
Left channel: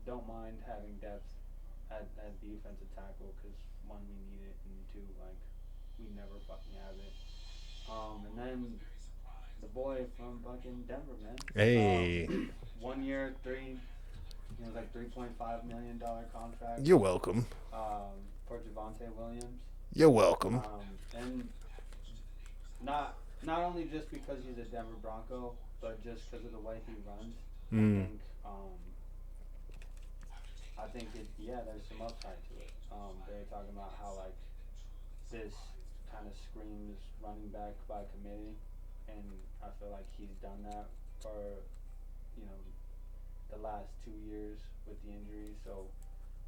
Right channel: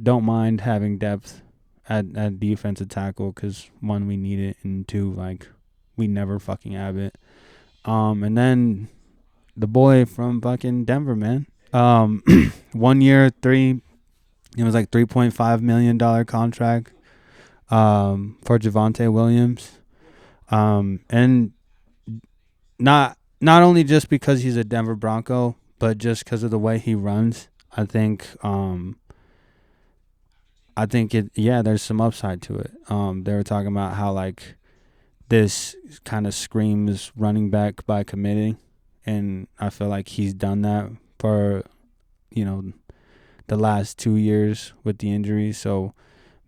don't mind having depth at defensive tackle, because one, we need it, and two, like we never fucking have it. And then the boy from fucking Denver, man. Hey. 1 year, it was like $3.5 million contract. You're welcome. For Javonte Williams. You're welcome. And not only just because he's a Denver Bronco, but just because of the way he runs. I think there's some upside to it. They were talking about how like this kind of screams running back by committee, and I feel like he's done that for, the last 2 years with the injuries. So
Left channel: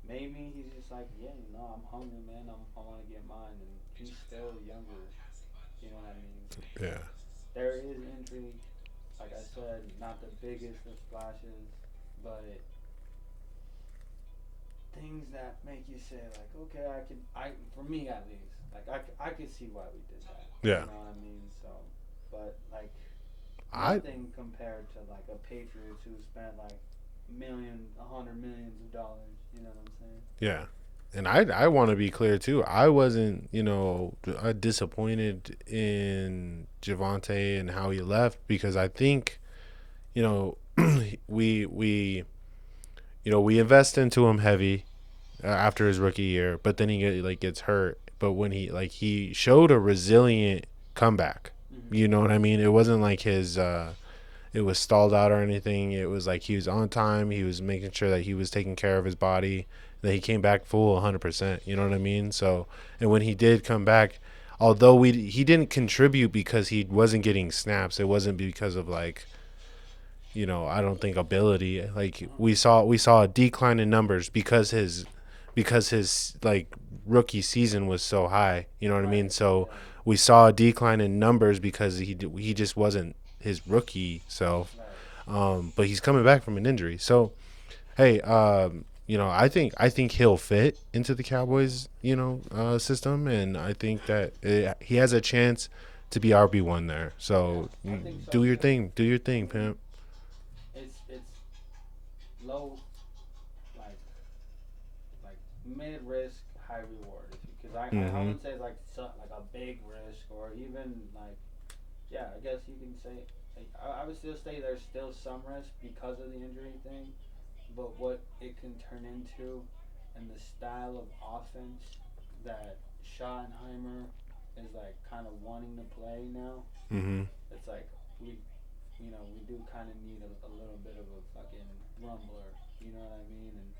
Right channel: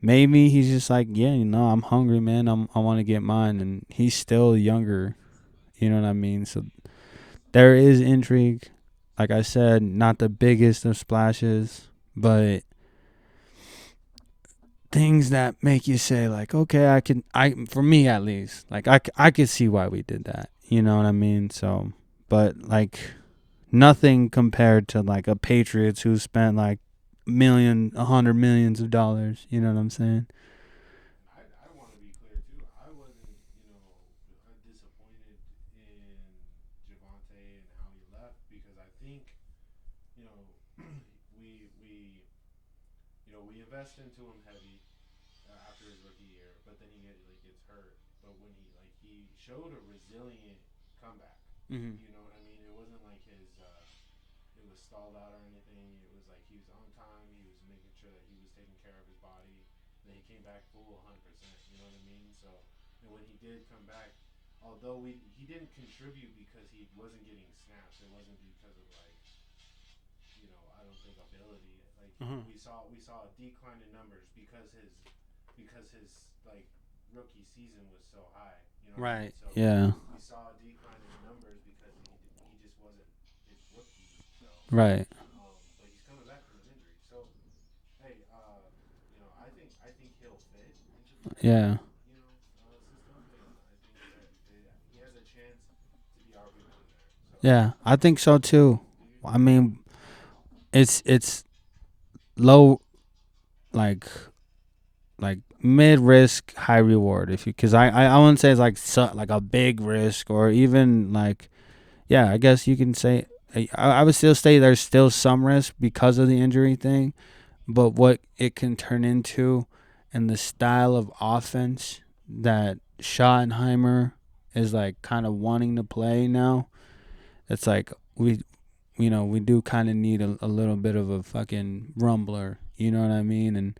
maybe he's just like, I'm hungry, man. I want to get mine, and he's still younger. You know what I mean? So there is intrigue. Like I said, not the biggest of splashes, but things that make you say like, okay, for me at least, like I could see why we did that. You know what I mean? So, but like nothing compared to like a Patriots who spent like $100 million of dollars. You know what I'm saying? Yeah. And I want to be clear too. I wasn't, disappointed in Javonte and how he left, because I think, we invest into him heavy after his rookie year, but then he gets hurt. But when he showed a resilient comeback, You know what I mean? It wasn't like his it was stalled out or anything. It was like he was on time. He was making sure that he was taking care of his body, that he came back full 100%. You know what I mean? So, and when he did come back, although he didn't contribute because he wasn't getting snaps. It wasn't because of like, I don't think ability. Like we saw a decline in numbers because his like rookie season was so high. You know what I mean? So we saw a decline in numbers because he just wasn't his rookie self. Right. But he's coming back from an injury. So, hey, I think he'll fit into the Cowboys, system, and I think that he has a chance to be RB1 there. So yeah, I think so too. Do your thing. I mean, it's low, like mid risk, high reward. Because I wouldn't say it's like a big risk or even like, yeah, I guess you can say. I would still say there's still some risk because of the injury thing, but what it can turn into and the style of offense that Schottenheimer is like kind of wanting to play now, it's like we do kind of need a little bit of a fucking rumbler, you know what I mean? And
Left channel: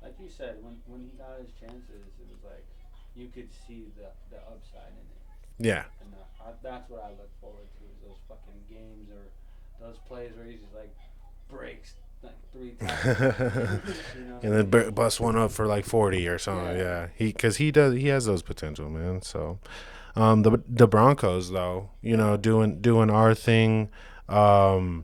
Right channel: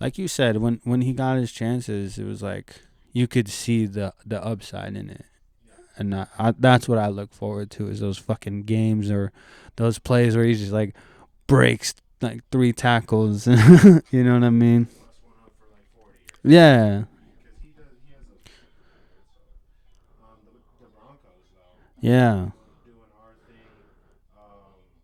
like you said, when he got his chances, it was like you could see the upside in it. Yeah. And that's what I look forward to is those fucking games or those plays where he just like breaks like 3 tackles. You know what I mean? Bust one up for like 40 or something. Yeah. Because he has those potential, man. So, the Broncos though, doing our thing. We'll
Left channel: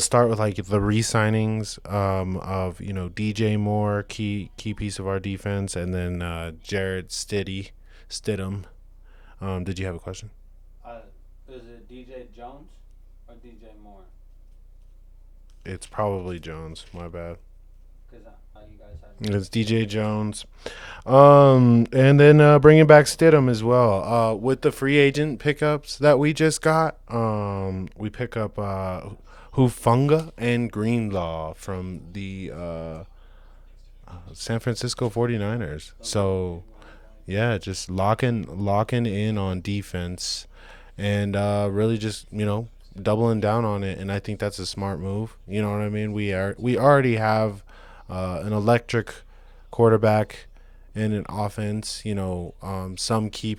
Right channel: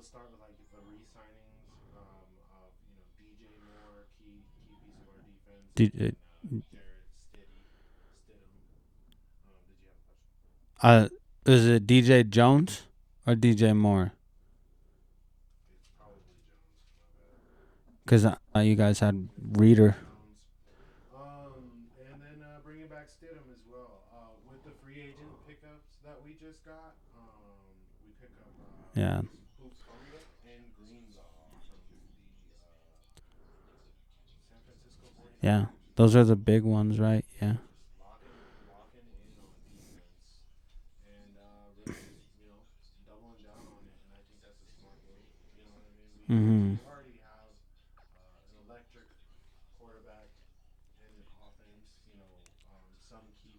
start with like the re-signings of DJ Moore, key piece of our defense, and then Jared Stidham. Did you have a question? Is it DJ Jones or DJ Moore? It's probably Jones. My bad. Because you guys had it's DJ Jones. And then bringing back Stidham as well. With the free agent pickups that we just got, we pick up Hufanga and Greenlaw from the San Francisco 49ers. Yeah, those are the big ones, right? Yeah, just locking in on defense and really just, doubling down on it, and I think that's a smart move. You know what I mean? We already have an electric quarterback and an offense, some key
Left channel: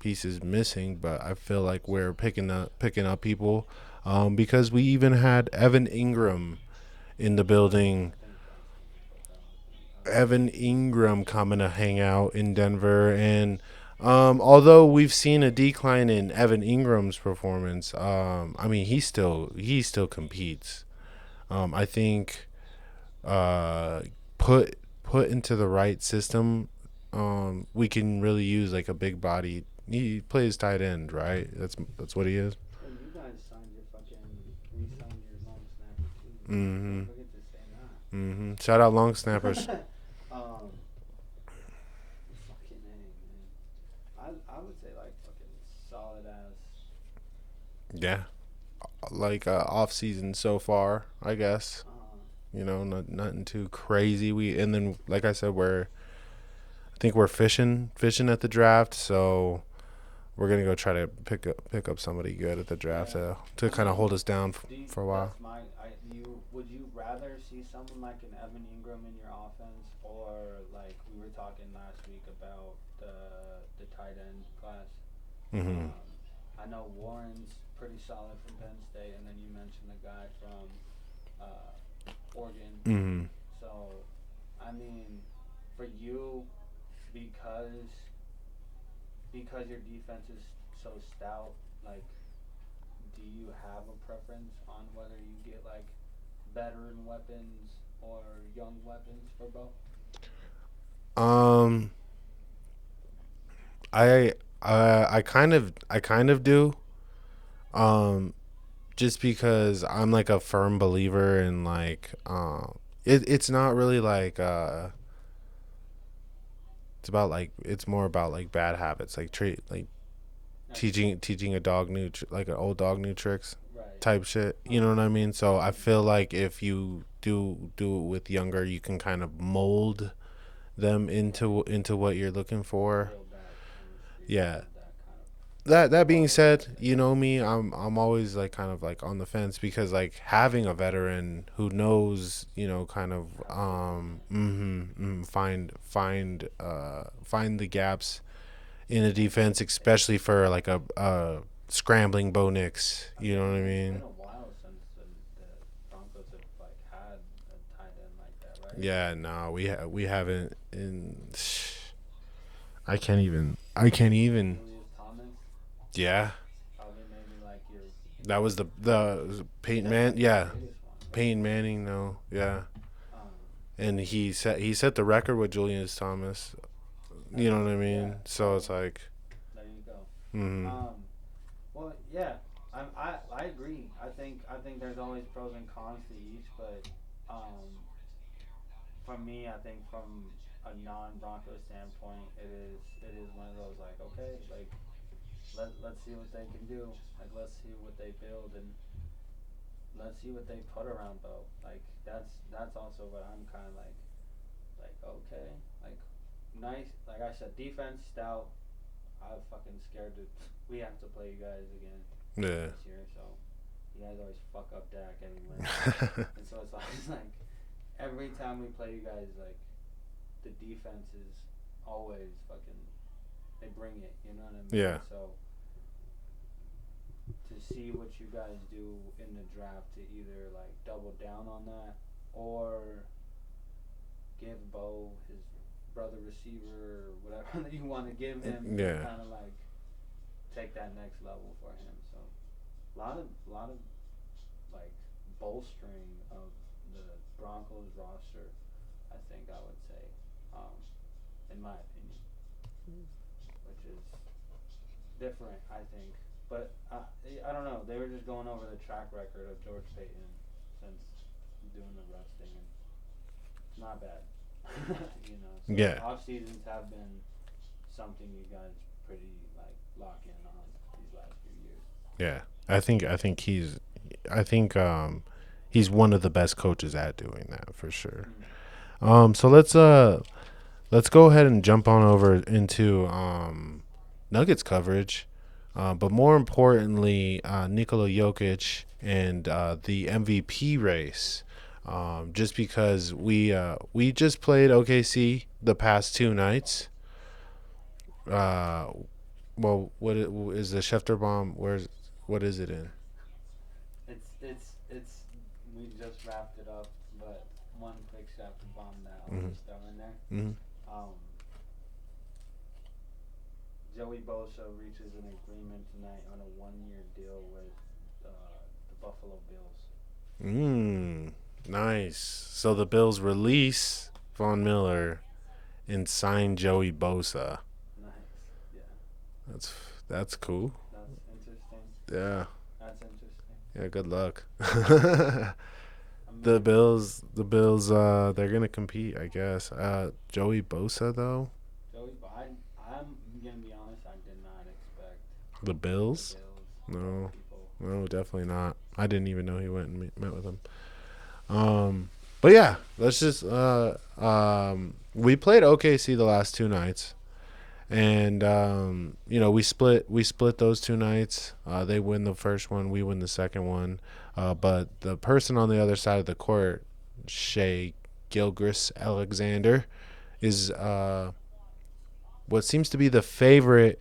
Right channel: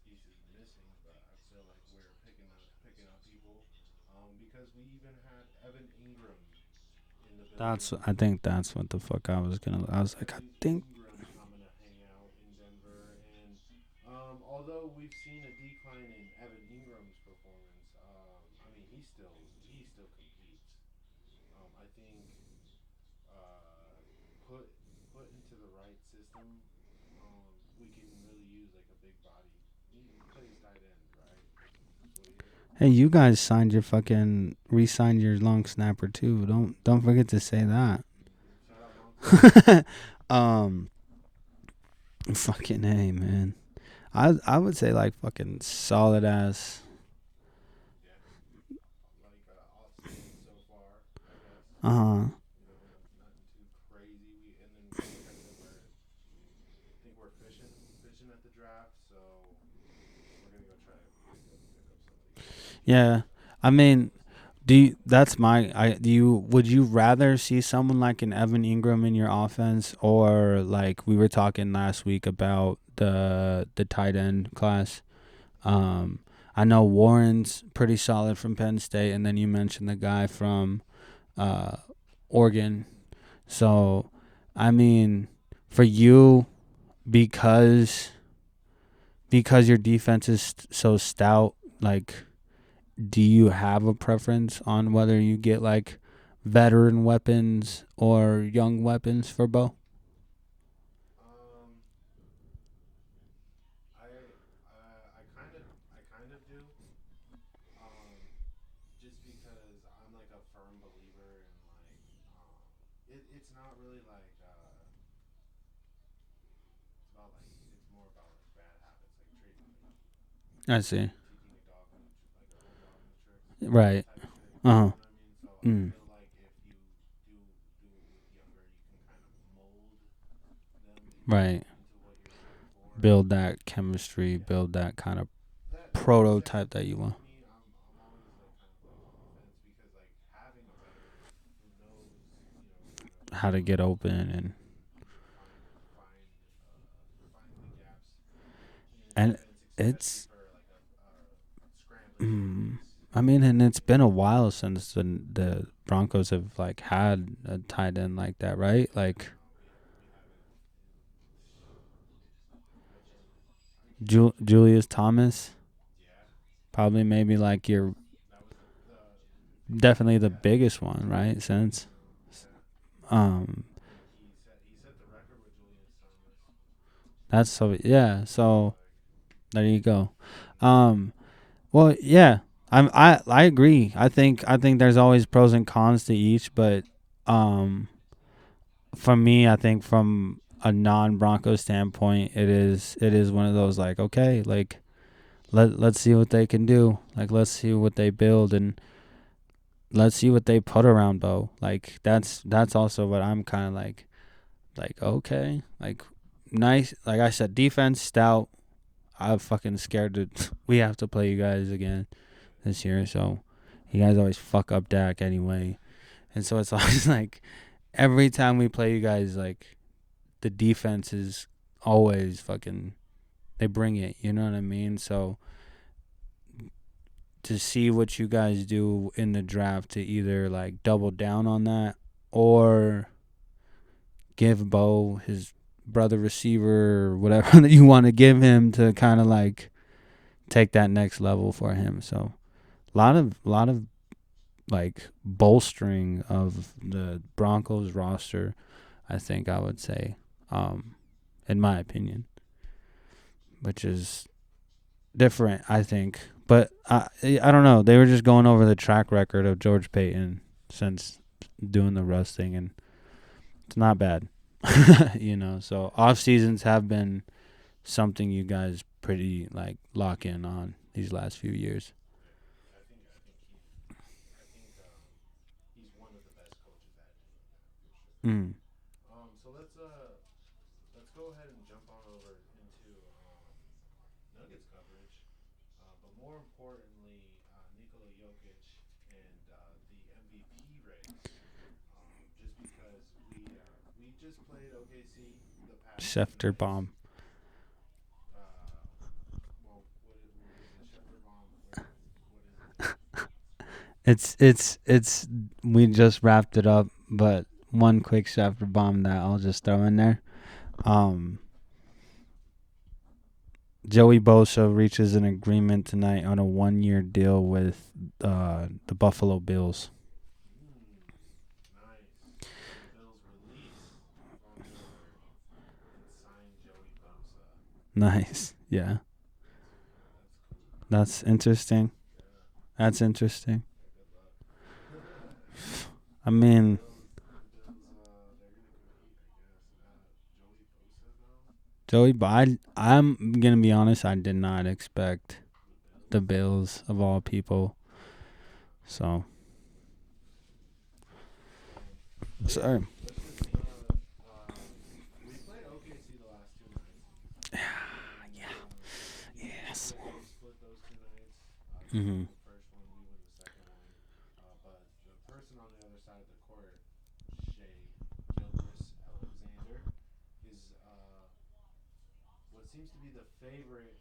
pieces missing, but I feel like we're picking up people because we even had Evan Ingram in the building. I think that's what the fuck I was gonna. Evan Ingram coming to hang out in Denver, and although we've seen a decline in Evan Ingram's performance, I mean he still competes. I think put into the right system, we can really use like a big body. He plays tight end, right? That's what he is. Hey, you guys re-signed your long snapper too. Don't forget to say that. Shout out long snappers. Fucking A, man. I would say like fucking solid ass. Yeah, like off season so far, I guess. Nothing too crazy. And then like I said, I think we're fishing at the draft, so we're gonna go try to pick up somebody good at the draft to kind of hold us down for a while. That's would you rather see someone like an Evan Ingram in your offense, or like we were talking last week about the tight end class? I know Warren's pretty solid from Penn State, and then you mentioned the guy from Oregon. So I mean, for you, because your defense is so stout, like, do you have a preference on whether you get like veteran weapons or young weapons for Bo? I kind of do. Just because I'm like a firm believer in like it's not really like it's more about like bad habits, like teaching a dog like an old dog new tricks, right? Type shit. You know what I mean? So I feel like if you do it with younger, you can kind of mold them into what you're looking for. Build that chemistry. Yeah. Build that kind of that being said, prototype that you know want. me, I'm always like kind of like on the fence because like having a veteran who knows, you know, kind of How to get open find the gaps in the and defense, especially it's for like a scrambling Bo mhm. Nix. I You mean, know what and I it's mean? been a while since the Broncos have like had a tight end like that, right? Yeah, Like no, we haven't in. I can't even. Julius Thomas, Yeah, probably maybe like your that was the Peyton Man. definitely the Yeah, biggest one, right? Peyton Manning. Since No, yeah, um and he set the record with Julius Thomas. You that's know what I so mean? yeah. So it's So like, there you go. mm, Um, well, yeah, I agree. I think there's always pros and cons to each, but um, for me, I think from a non-Broncos standpoint, it is one of those like, okay, like let's see what they can do. Like let's see what they build and let's see what they put around Bo. Like that's also what I'm kind of like okay, like nice. Like I said, defense stout. I'm fucking scared to. We have to play you guys again yeah, this year, so you guys always fuck up Dak anyways, and so it's always like every time we play you guys, like the defense is always fucking. They bring it, you know what I mean? yeah, So to see what you guys do in the draft to either like double down on that or give Bo his brother receiver or whatever that you want to give him to yeah, kind of like take that next level for him. So lot of like bolstering of the Broncos roster, I think I would say, in my opinion, which is different, I think. But I don't know. They were just going over the track record of George Payton since doing the Russ thing, and it's not bad. So yeah, off seasons have been something you guys pretty like lock in on these last few years. yeah. I think he's one of the best coaches at doing that for sure. So let's go ahead and jump on over into Nuggets coverage. But more importantly, Nikola Jokic and the MVP race. Just because we just played OKC the past two Schefter nights. Well, is the Schefter bomb? What is it in? It's we just wrapped it up, but one quick Schefter bomb that I'll just throw in there. Mm-hmm. Joey Bosa reaches an agreement tonight on a 1-year deal with the Buffalo Bills. Nice. So the Bills release Von Miller and sign Joey Bosa. Nice. Yeah. That's cool. That's interesting. Yeah. That's interesting. Yeah, good luck. I mean, the Bills they're going to compete, I guess. Joey Bosa though? Joey, but I'm going to be honest, I did not expect The Bills? the Bills of all people. No, definitely not. So. I didn't even know he went and met with them. But yeah, let's just we played OKC the last two nights. And we split those two nights. They win the first one, we win the second one. But the person on the other side of the court, Shea Gilgeous-Alexander, is what seems to be the favorite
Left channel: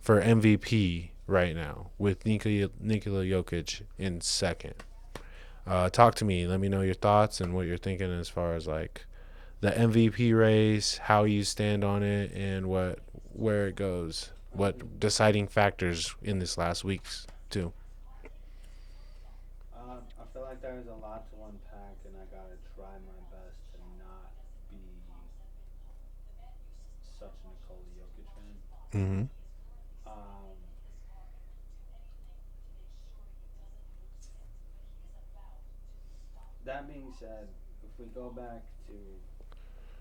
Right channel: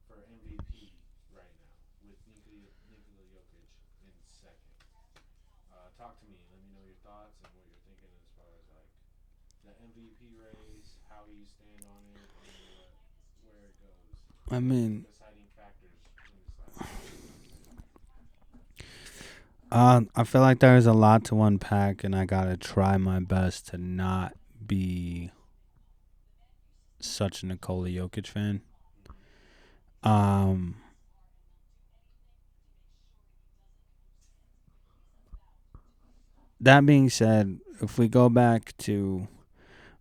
for MVP right now, with Nikola Jokic in second. Talk to me. Let me know your thoughts and what you're thinking as far as like the MVP race, how you stand on it, and where it goes. What deciding factors in this last week's too. I feel like there's a lot to unpack, and I gotta try my best to not be such a Nikola Jokic fan. That being said, if we go back to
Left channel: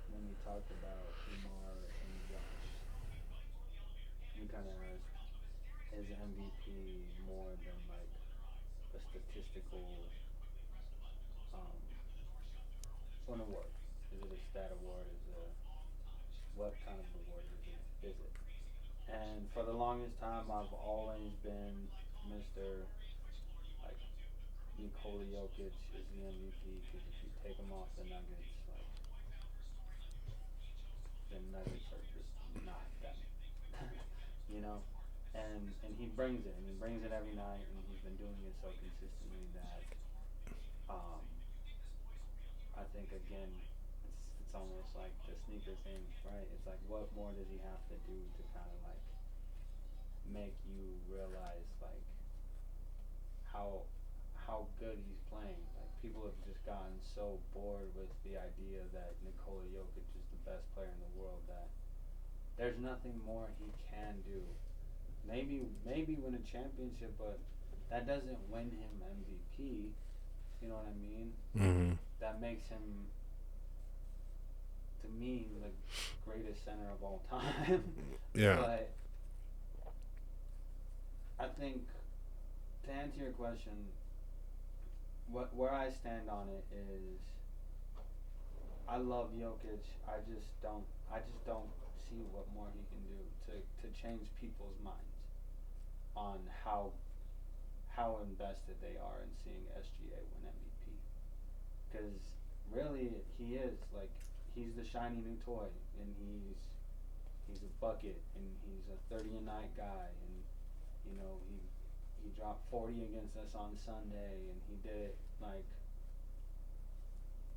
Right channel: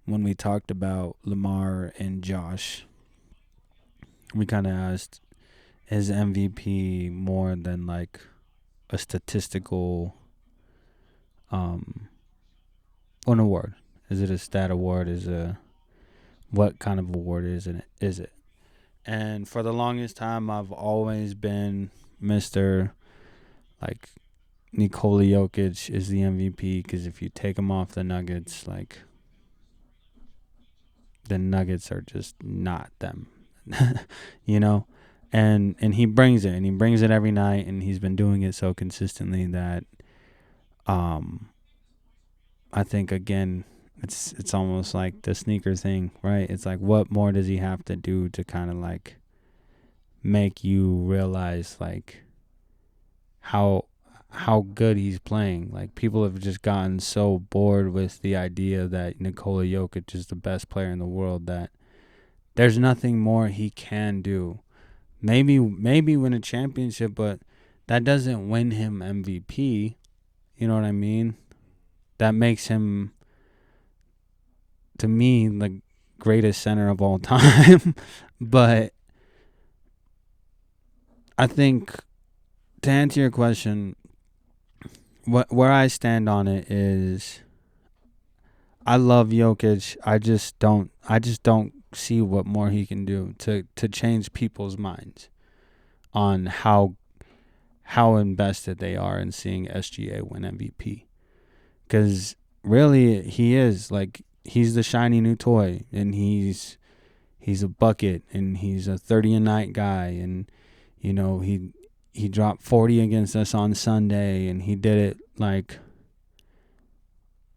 when we talked about Lamar and Josh, we kind of asked, is MVP more than like a statistical an award? Is it a stat award? What kind of award is it? And for the longest time, I've always been Mr. like Nikola Jokic is the MVP, because if you take him off the Nuggets, like the Nuggets are just not them, you know. And he brings it, and he brings it every night, and he's been doing it so consistently that, I think again, it's almost like the sneaker thing, right? It's like, what more does he have to do to kind of like make you realize like how good he's playing? Like, people have just gotten so bored with the idea that Nikola Jokic is the best player in the world that there's nothing more he can do. Maybe win a championship, but that doesn't win him MVP. You know what I mean? Mm-hmm. That makes him, to me, the greatest center of all time. Yeah. But I think, to answer your question, where I stand on it is, I love Jokic. I just don't see what more he can do to change people's minds on how invested they are in seeing SGA win MVP. Because really, he is like, he's the shiny new toy, and he's a bucket, and he's a 30-a-night guy, and you know, he dropped 40 against us on Sunday, and he did it like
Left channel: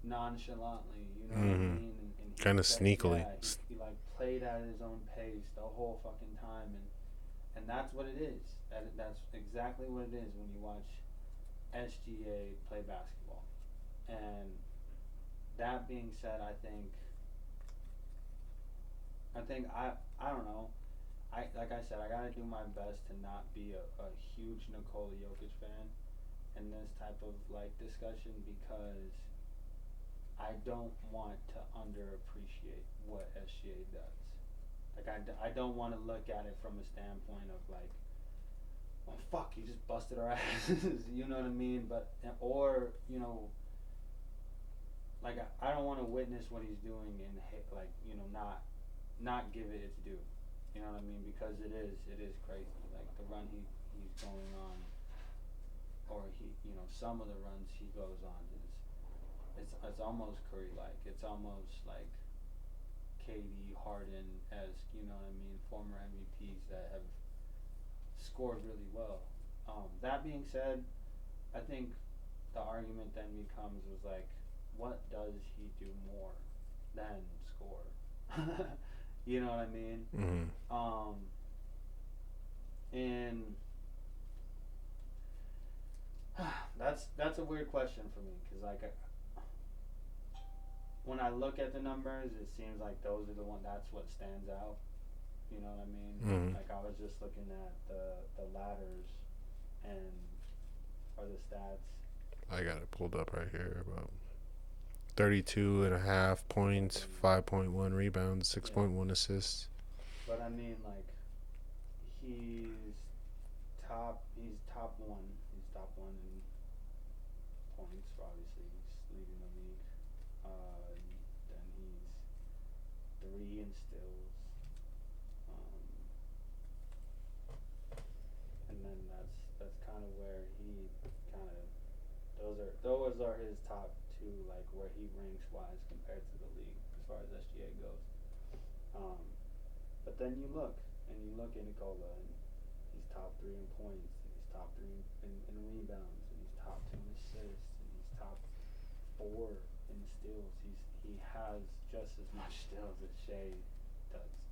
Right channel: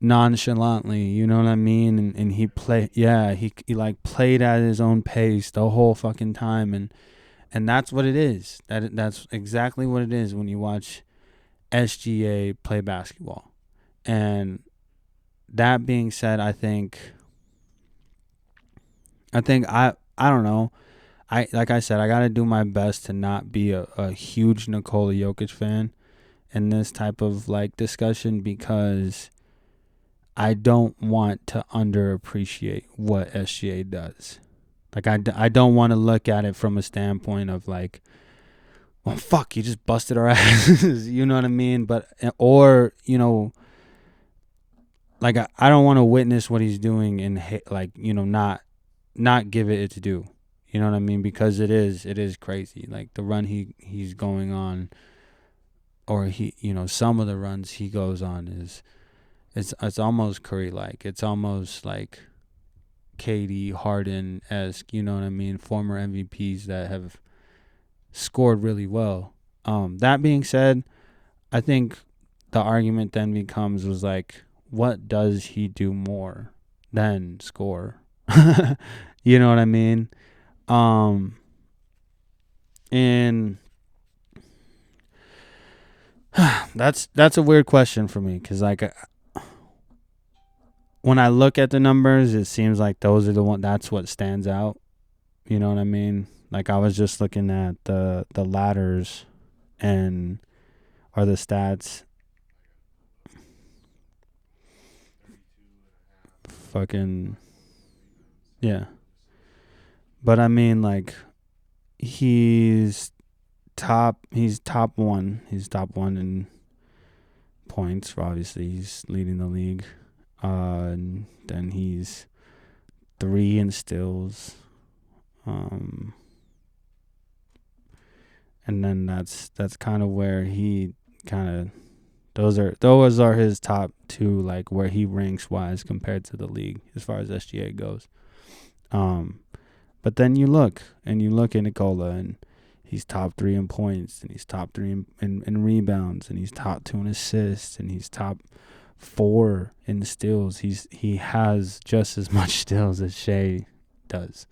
nonchalantly, you know what I mean? And he Kinda played, sneakily. yeah, he like played at his own pace the whole fucking time, and that's what it is. That's exactly what it is when you watch SGA play basketball. And that being said, I think I don't know. Like I said, I got to do my best to not be a huge Nikola Jokic fan in this type of like discussion, because I don't want to underappreciate what SGA does. Like, I don't want to look at it from a standpoint of like, well, fuck, you just busted our asses. You know what I mean? But, or, you know, like, I don't want to witness what he's doing and like, you know, not give it its due. You know what I mean? Because it is crazy. Like, the run he's going on, or he, you know, some of the runs he goes on is, it's almost Curry-like. It's almost like KD, Harden-esque, you know what I mean? Former MVPs that have scored really well. That being said, I think the argument then becomes, was like, what does he do more than score? You know what I mean? Mm-hmm. And that's a weird question for me, because like, when I look at the numbers, it seems like those are the one. That's what stands out. You know what I mean? Mm-hmm. Like, I was just looking at the ladders, and are the stats. I got it pulled up right here. About 32.5 points, Fucking 5.1 rebounds, 6.1 assists. But I mean, like, he's top one. He's top one in points. Obviously, he's leading the league. And then he's 3 in steals. And then that's kind of where he kind of, those are his top 2, like, where he ranks wise compared to the league as far as SGA goes. But then you look at Nikola, and he's top 3 in points, and he's top 3 in rebounds, and he's top 2 in assists, and he's top 4 in steals. He has just as much steals as Shea does.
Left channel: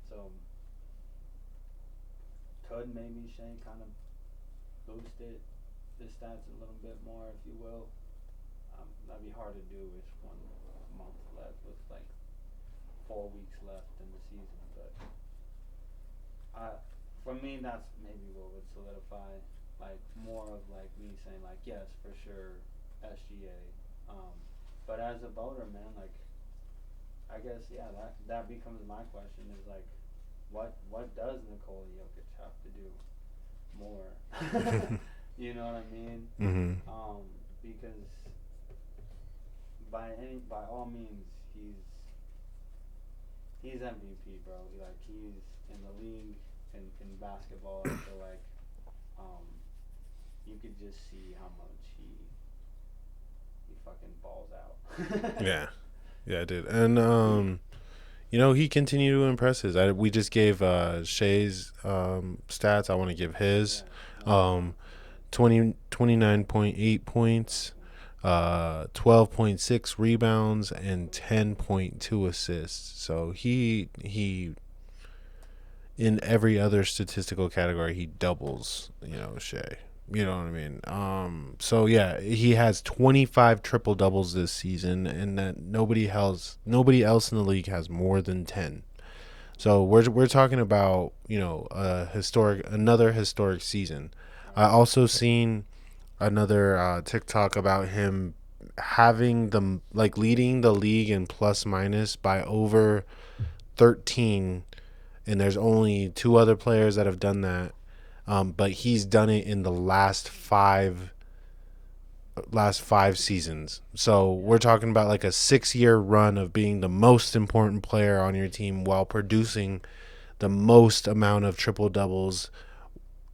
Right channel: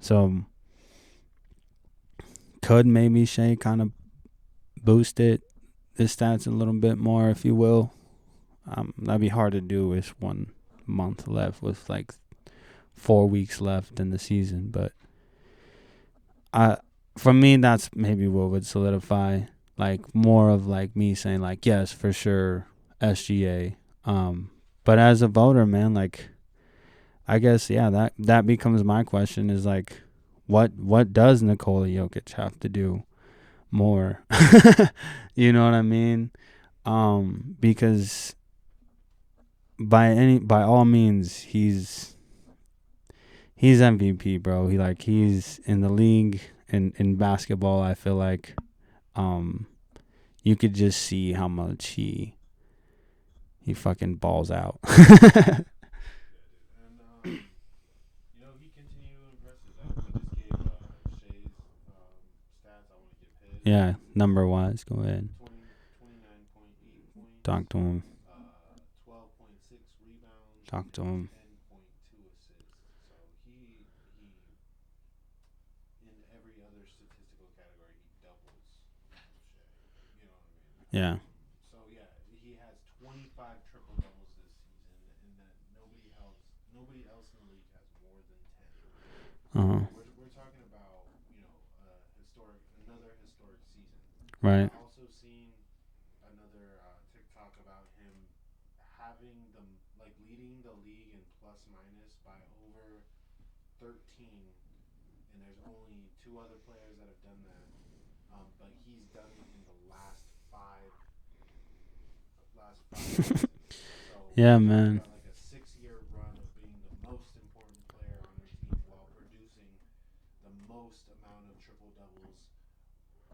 So could maybe Shea kind of boost his stats a little bit more, if you will? That'd be hard to do with 1 month left, with like 4 weeks left in the season. But for me, that's maybe what would solidify, like, more of like me saying like, yes, for sure, SGA. But as a voter, man, like, I guess, yeah, that becomes my question, is like, what does Nikola Jokic have to do more? You know what I mean? Mm-hmm. Because by all means, he's he's MVP, bro. He's in the league in basketball. I feel like, you could just see how much he fucking balls out. Yeah, I did. And he continued to impress us. We just gave Shay's stats. I want to give his. Yeah, number-wise. Go ahead. 29.8 points. 12.6 rebounds and 10.2 assists. So he in every other statistical category he doubles, Shay. You know what I mean? Yeah. So yeah, he has 25 triple doubles this season, and that nobody else in the league has more than 10. So we're talking about another historic season. Right. I also seen another TikTok about him having leading the league in plus minus by over 13, and there's only 2 other players that have done that. But he's done it in the last five seasons. So we're talking about like a 6-year run of being the most important player on your team while producing the most amount of triple doubles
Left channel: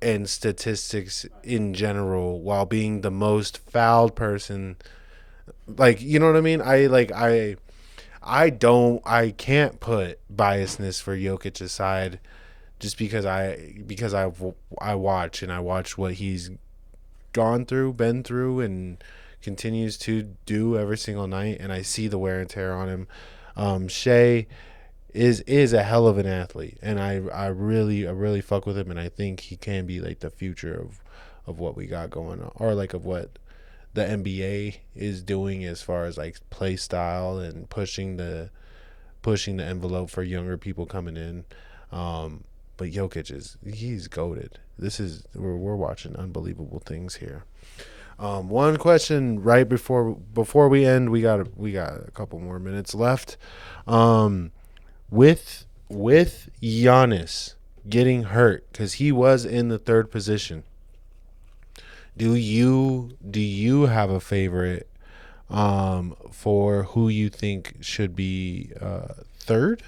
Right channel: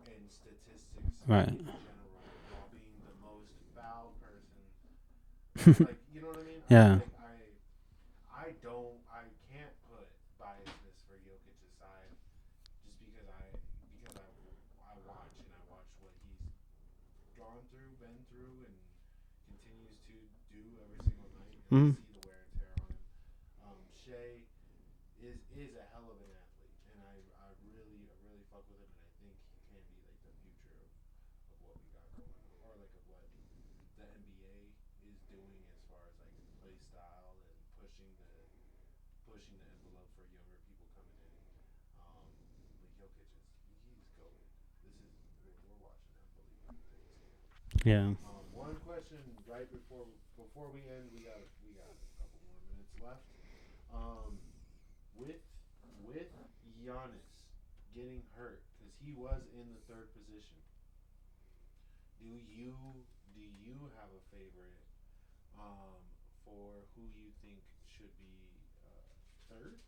and statistics in general, while being the most fouled person. Like, you know what I mean? Yeah. I can't put biasness for Jokic aside. Just because I watch what he's been through, and continues to do every single night, and I see the wear and tear on him. Shea is a hell of an athlete, and I really fuck with him, and I think he can be like the future of what we got going on, or like of what the NBA is doing as far as like play style and pushing the envelope for younger people coming in. But Jokic he's goated. We're watching unbelievable things here. Yeah. One question right before we end, we got a couple more minutes left. With Giannis getting hurt, because he was in the 3rd position, do you have a favorite for who you think should be 3rd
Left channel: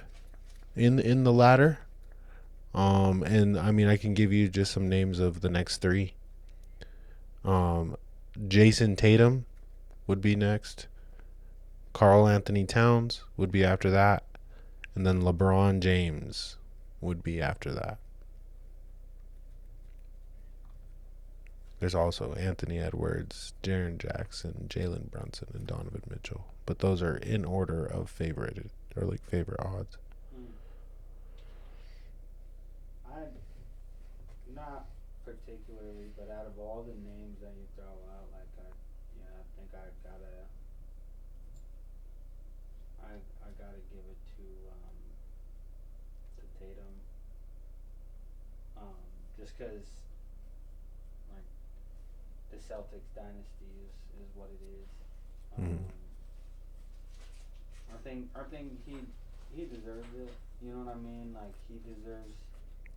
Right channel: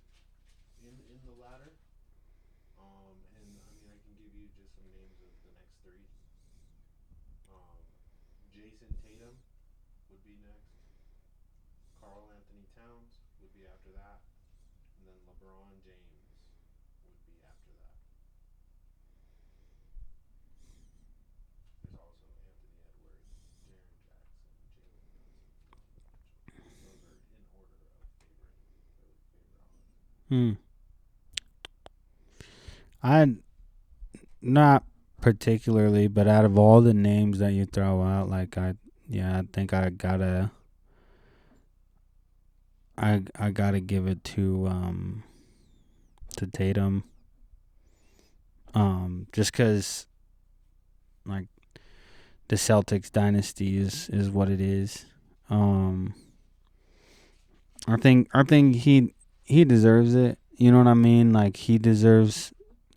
in the ladder? And I mean, I can give you just some names of the next 3. Jason Tatum would be next. Karl Anthony Towns would be after that. And then LeBron James would be after that. There's also Anthony Edwards, Jaren Jackson, Jalen Brunson, and Donovan Mitchell. But those are in order of favorite odds. I not particularly, but out of all the names that you throw out, like I think I gotta give it to Tatum. Just 'cause like the Celtics dynasty is what it is. I think he deserves it. You know what I mean? Like he deserves.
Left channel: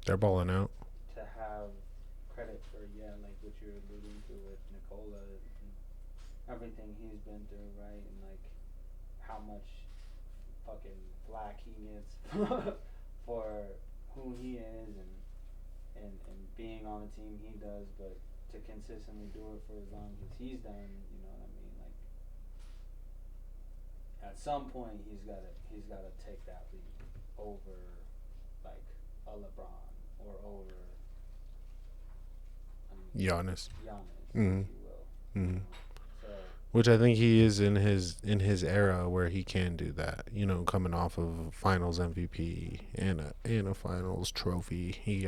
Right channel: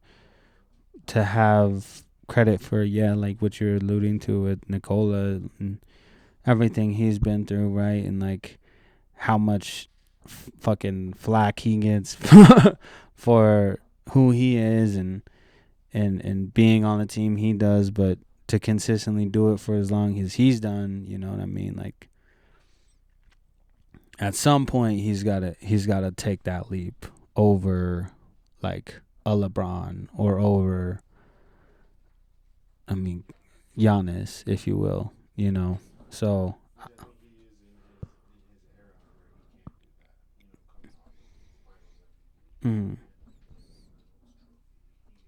They're balling out. To have credit for, like what you're alluding to with Nikola and everything he's been through, right? And like how much fucking flack he gets for who he is and being on the team he does, but to consistently do it for as long as he's done, you know what I mean? Like at some point he's gotta take that leap over like a LeBron or over, I mean, Giannis, if you will, you know. So, which I think he is in his era where he can do that. You know, coming off of Finals MVP and a Finals trophy, he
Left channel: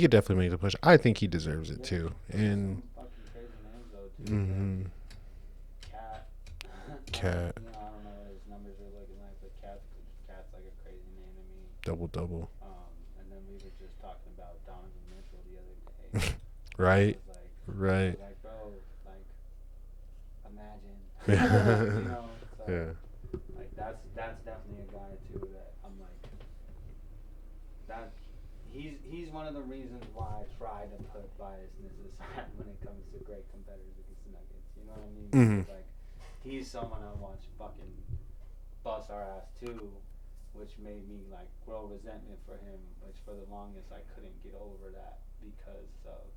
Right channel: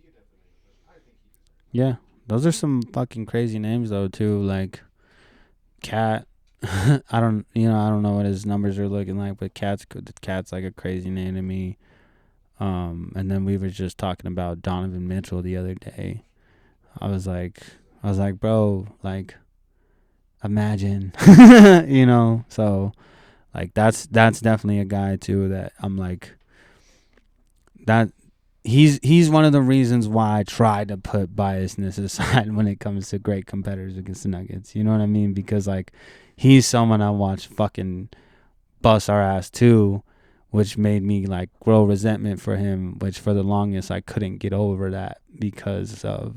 could definitely make the push. I think he deserves it too. Those are some fucking crazy names though too, like Cat. I don't know what his numbers are looking like, but Cat's like a crazy name to me. Double. And then we were just talking about Donovan Mitchell the other day. Right. I was like, bro, like, imagine, you know. So, like, that's definitely a guy too that I'm like, that he's one of the reasons why I try to put biasness aside when it comes to great competitors against the Nuggets. You know what I mean? Because like, he's someone I watch fucking bust our ass too which made me like grow resentment for him, which for the longest I couldn't get over that because of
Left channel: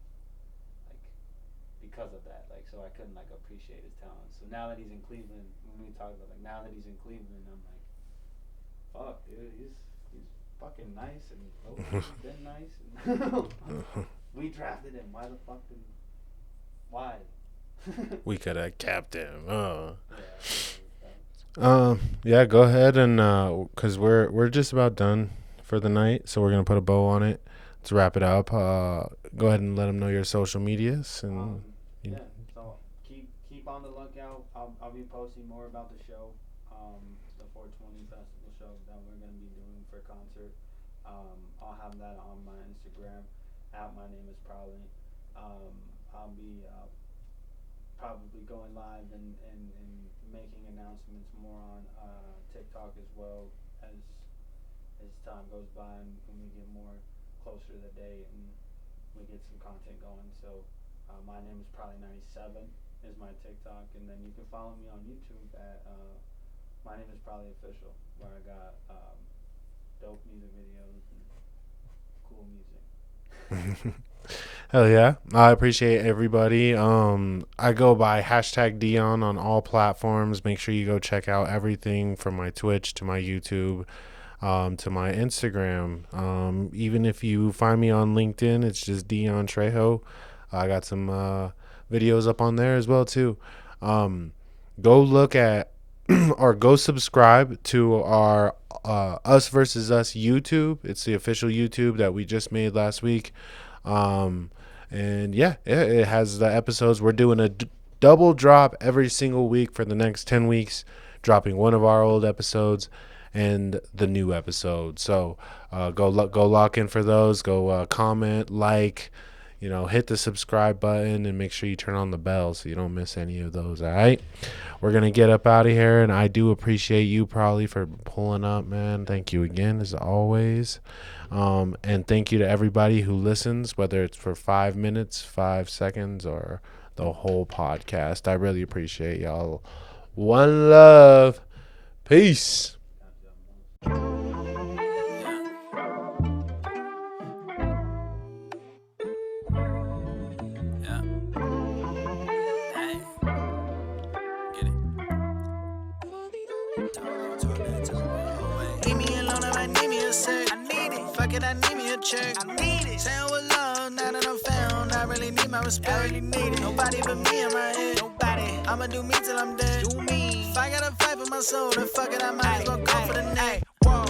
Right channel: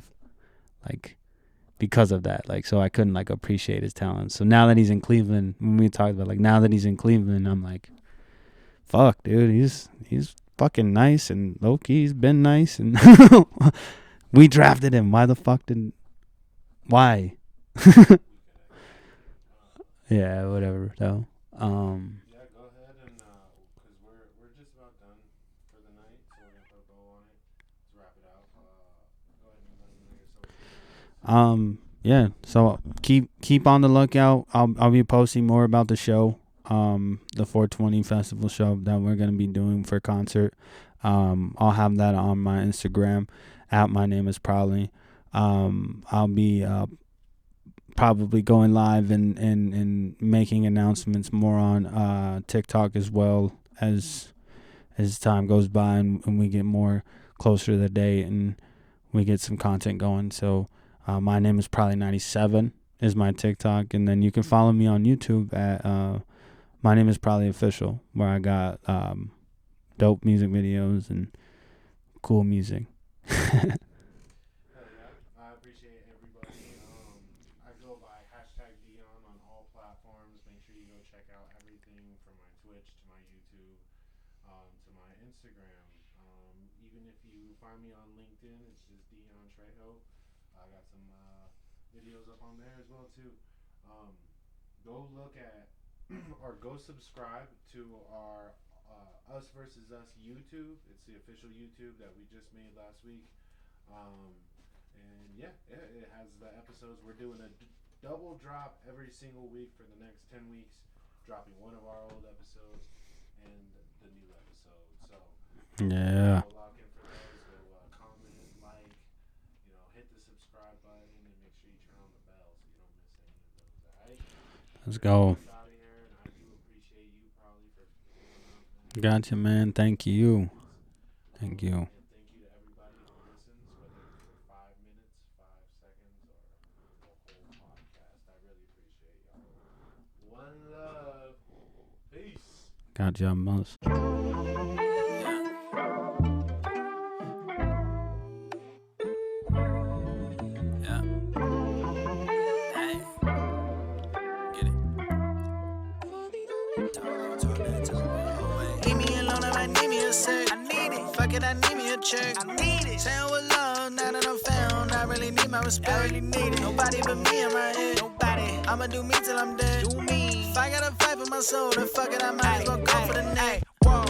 that. Like, so I couldn't like appreciate his talent. So now that he's in Cleveland, when we talked about like now that he's in Cleveland, I'm like, fuck, dude, he's fucking nice, and low-key he's been nice, and we drafted him. Why? We could have kept him. Yeah, whatever. No. Yeah, go ahead and because we're just about done for the night, so we're gonna put a bow on it. Let's wrap it up. Go ahead and let them know your social medias. Yeah. So keep on the lookout. I'll be posting more about the show. The 420 festival show that we're gonna be doing for concert. I'll have that on my Instagram. My name is Probably. I'll be probably going live and making announcements more on TikTok as well as time goes by and we get more closer to the date and we get some content going. So my name is Probably 97 is my TikTok, and then you can follow me on YouTube at My Name is Probably Official, where I got dope music videos and cool music. Hell yeah. I appreciate everybody. I go by #Dion on all platforms. Make sure you go check out everything from my Twitch to my YouTube to my Instagram. Even if you find me on LinkedIn, it's just Dion Trejo. I got some videos up on there as well too. Go look at or go subscribe to our Us Versus Us YouTube. It's the official YouTube that we just made last week. And yeah, it has the episodes. We're doing a double drop every single week for the next 10 weeks, dropping one of our old episodes and the new episode. So go lock in for those. Go comment, like, hit the subscribe button, and make sure you turn on the bell so you don't miss any of those. All right, we're gonna get up out of here, and I do appreciate you probably for pulling up, man. Thank you again, as always. And thank you to everybody who listens, whether it's for 5 minutes, 5 seconds, or the whole podcast. I really appreciate y'all. One love. Peace. Got y'all most. I need me a check. I need it. Saying with love, now that I'm found, I really need my respect. I really need it. Nobody but me in my head. Nobody. I'ma do me till I'm dead. Do me. If I gotta fight for my soul, then fuck it, I might as well go for the neck. Whoa.